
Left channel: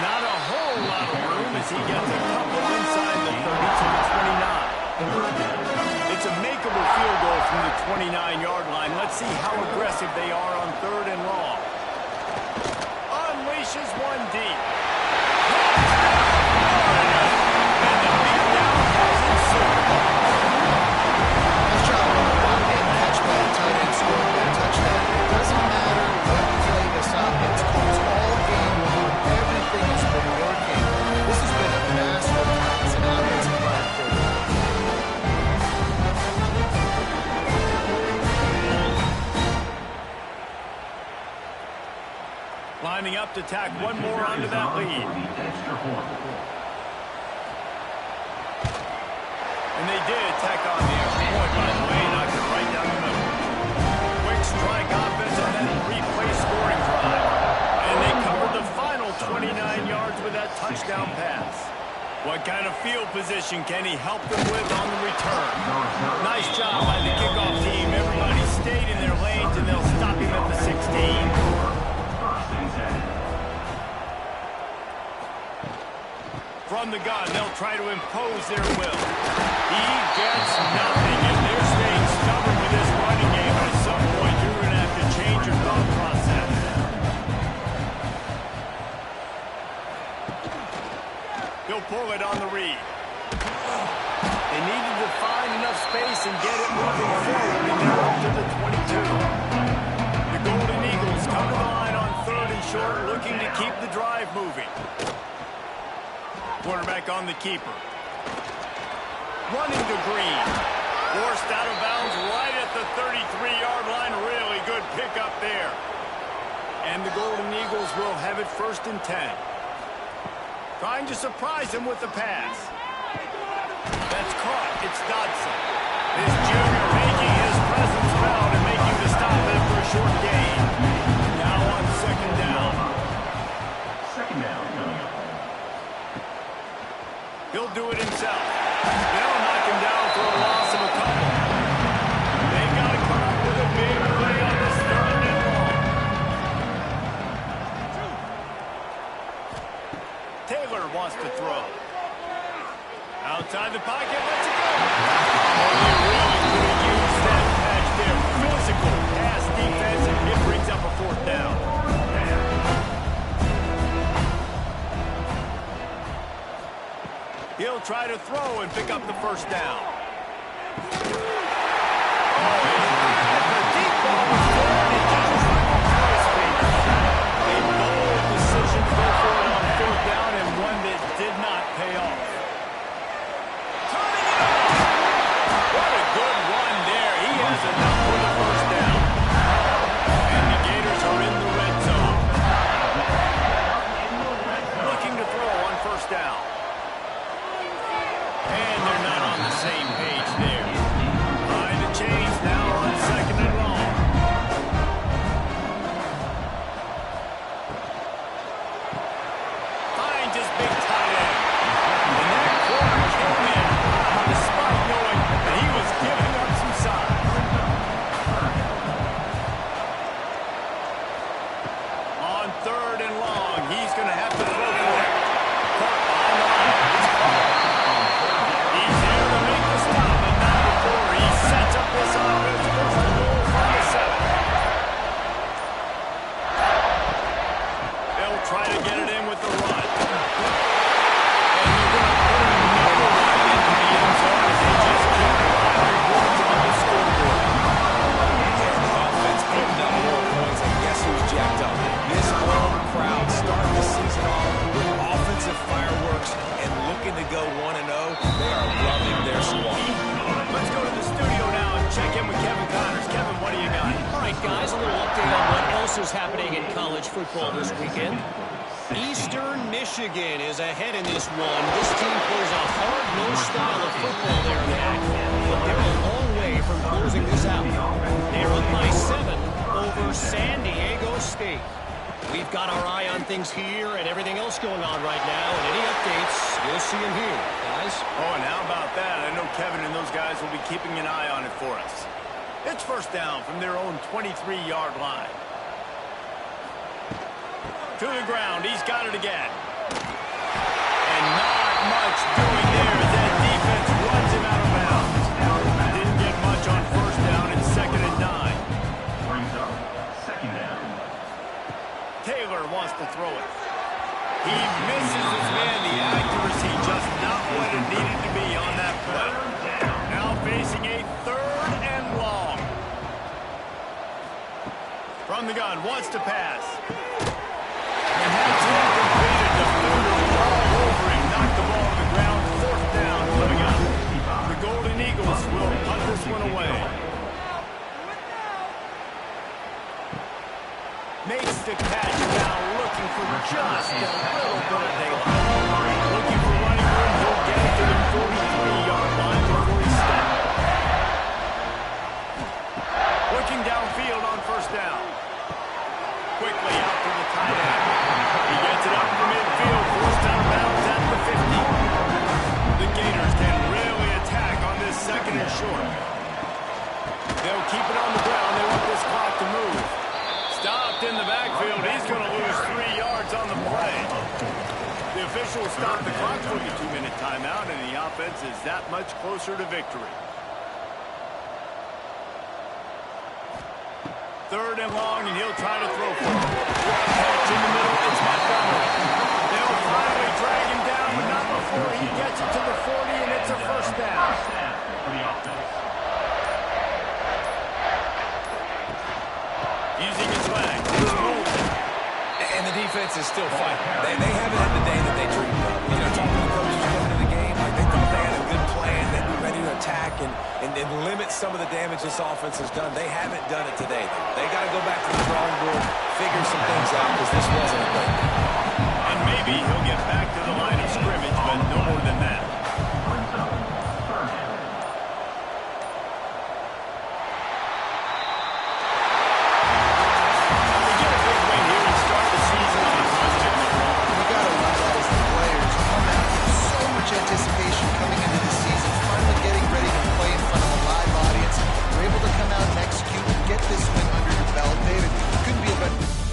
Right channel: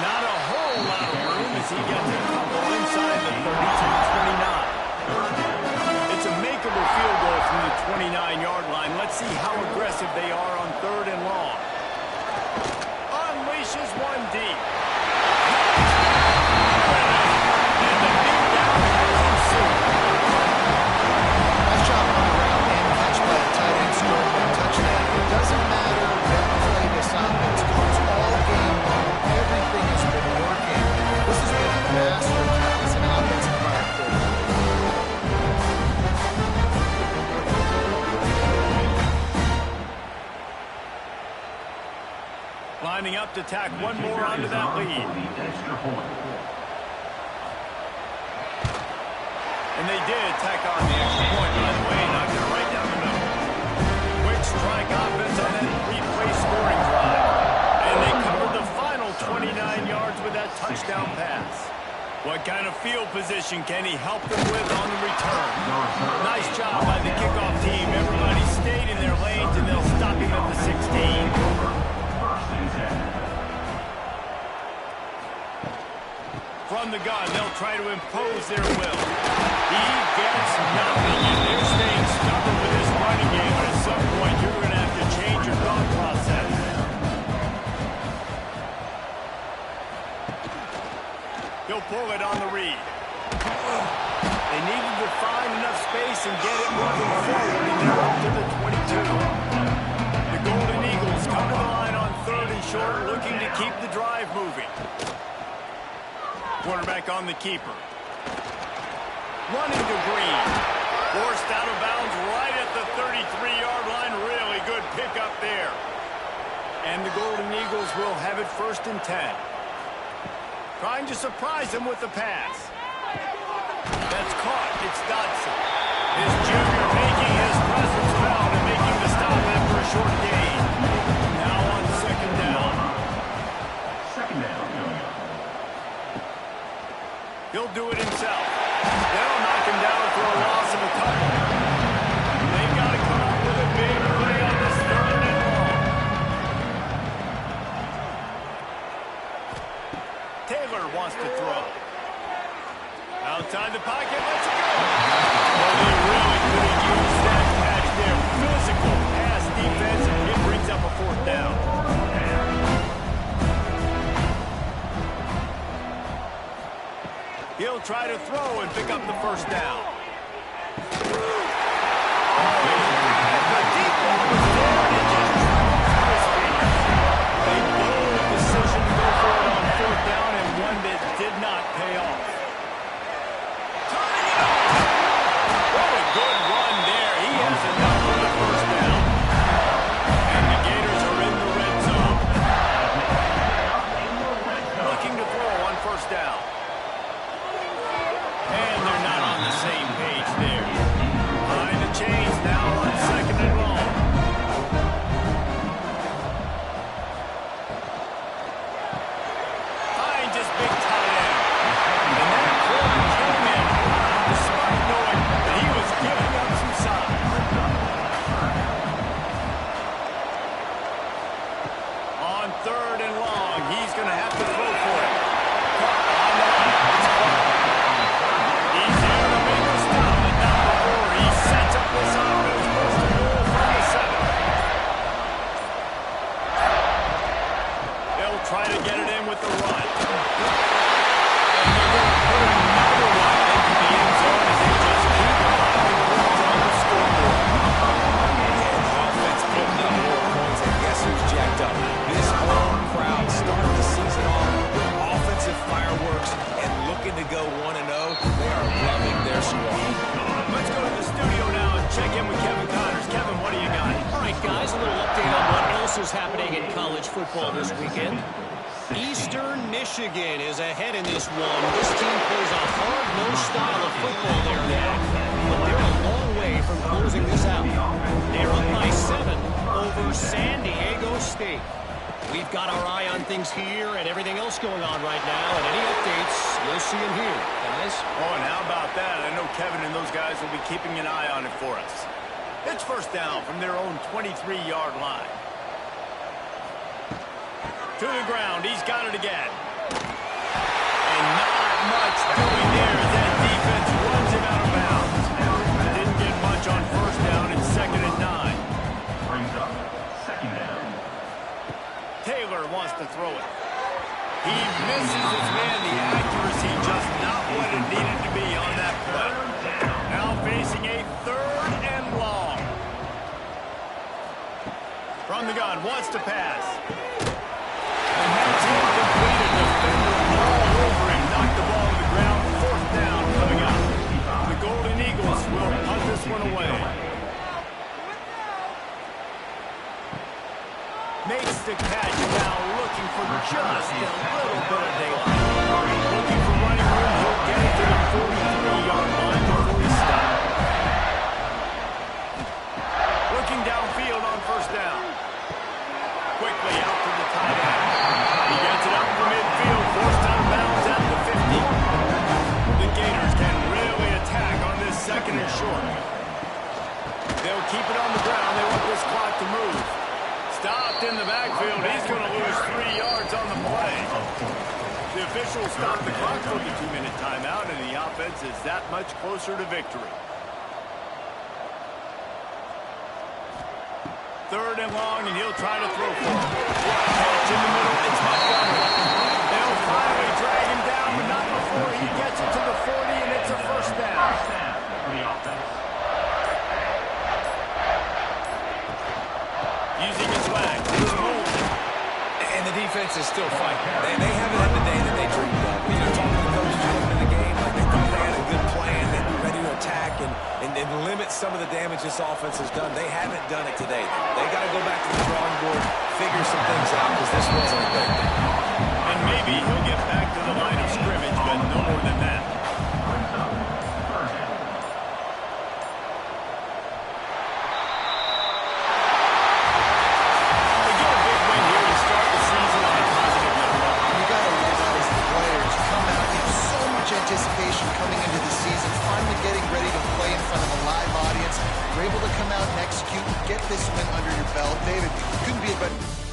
Not a whole lot of room as he gets a couple inside the 30 to the 29. It's a makeable field goal from the 29-yard line. Let's see how aggressive they are on third and long. Unleashes one deep. And the beatdown has ensued. Nice job on the route and catch by the tight end scoring that touchdown. It doesn't matter what play this offense calls all game long. Everything has been working. This has been a masterclass in offensive productivity. Lining up to tack one more onto that lead. And they did tack on the extra point, by the way, knocked it right down the middle. Quick strike offense on that three-play scoring drive. And they covered the final 29 yards with that touchdown pass. What kind of field position can he help them with on the return? Nice job by the kickoff team. Everybody stayed in their lanes, and they'll stop him at the 16. From the gun, they'll try to impose their will. He gets nothing, and they're staying stubborn with this running game, but at some point you're going to have to change your thought process. He'll pull it on the read. They needed to find enough space and get it moving forward, and they're up to the 22. The Golden Eagles come to the line on third and short, looking to keep the drive moving. Quarterback on the keeper. Running to Green. Forced out of bounds right at the 33-yard line. Really good pickup there. And the Golden Eagles will have it first and 10. Trying to surprise him with the pass. That's caught. It's Dodson. His junior making his presence felt and making the stop after a short gain. Now on second down. Second down coming up. He'll do it himself. They'll knock him down for a loss of a couple. They've got to come up with a big play on this third and long. Taylor wants to throw. Outside the pocket, lets it go. Oh, they really could have used that patch there. Physical pass defense, and it brings up a fourth down. He'll try to throw and pick up the first down. Oh, the deep ball was there, and it just trickled through his fingers. A bold decision to go for it on fourth down, and one that did not pay off. Turning it off. What a good run there. He has enough for the first down. And the Gators are in the red zone. Looking to throw on first down. And they're not on the same page there. Behind the chains now on second and long. Finds his big tight end. And looking to go 1-0. They are loving their squad. Let's go to the studio now and check in with Kevin Connors. Kevin, what do you got? All right, guys, a little update on what else is happening in college football this weekend. Eastern Michigan is ahead in this one. This team plays a hard-nosed style of football there in the MAC, but they're a long way from closing this out. They're up by 7 over San Diego State. We've got our eye on things here and everything else going on right now, and any updates, you'll see them here, guys. Oh, and how about that? I know Kevin and those guys will be keeping an eye on it for us. It's first down from their own 23-yard line. To the ground, he's got it again. And not much doing there as that defense runs him out of bounds. Didn't get much on first down. It's 2nd and 9. Brings up 2nd down. Taylor wants to throw it. He misses his man. The accuracy just not what it needed to be on that play. Now facing a 3rd and long. From the gun, wants to pass. And that's incomplete. A defender all over him. Knocked the ball to the ground. 4th down coming up. The Golden Eagles will punt this one away. Makes the catch now, looking for just a little bit of daylight. Looking for running room. He'll get it to the 43-yard line before he stops. Looking downfield on first down. Quickly out to the tight end. He gets it up to midfield, forced out of bounds at the 50. The Gators can really attack on this 2nd and short. They'll keep it on the ground. They want this clock to move. Stopped in the backfield. He's going to lose 3 yards on the play. The officials stopped the clock for the 2-minute timeout, and the offense is that much closer to victory. 3rd and long, and he'll try to throw for it. Catch in the middle. It's Montgomery. They'll finally drag him down, but not before he gets it to the 40, and it's a first down. For the offense. Using his legs. He's moving. And the defense is still fighting. They haven't had the day that they dreamed of. You know, talking to the coaches coming into the game, like they thought they had a good plan, they'd be ready to attack and limit some of the damage this offense has done. They haven't done it today. They got to go back to the drawing board, figure some things out, because this wasn't a great day. And maybe he'll get back to the line of scrimmage, but no more than that. Brings up 3rd down. They get a big win here and start the season on a positive note. You got to love that as the players come out in so much anticipation coming into the season, finally getting ready to play in front of a live audience. You're able to come out and execute and get this win under your belt. David, couldn't be a better...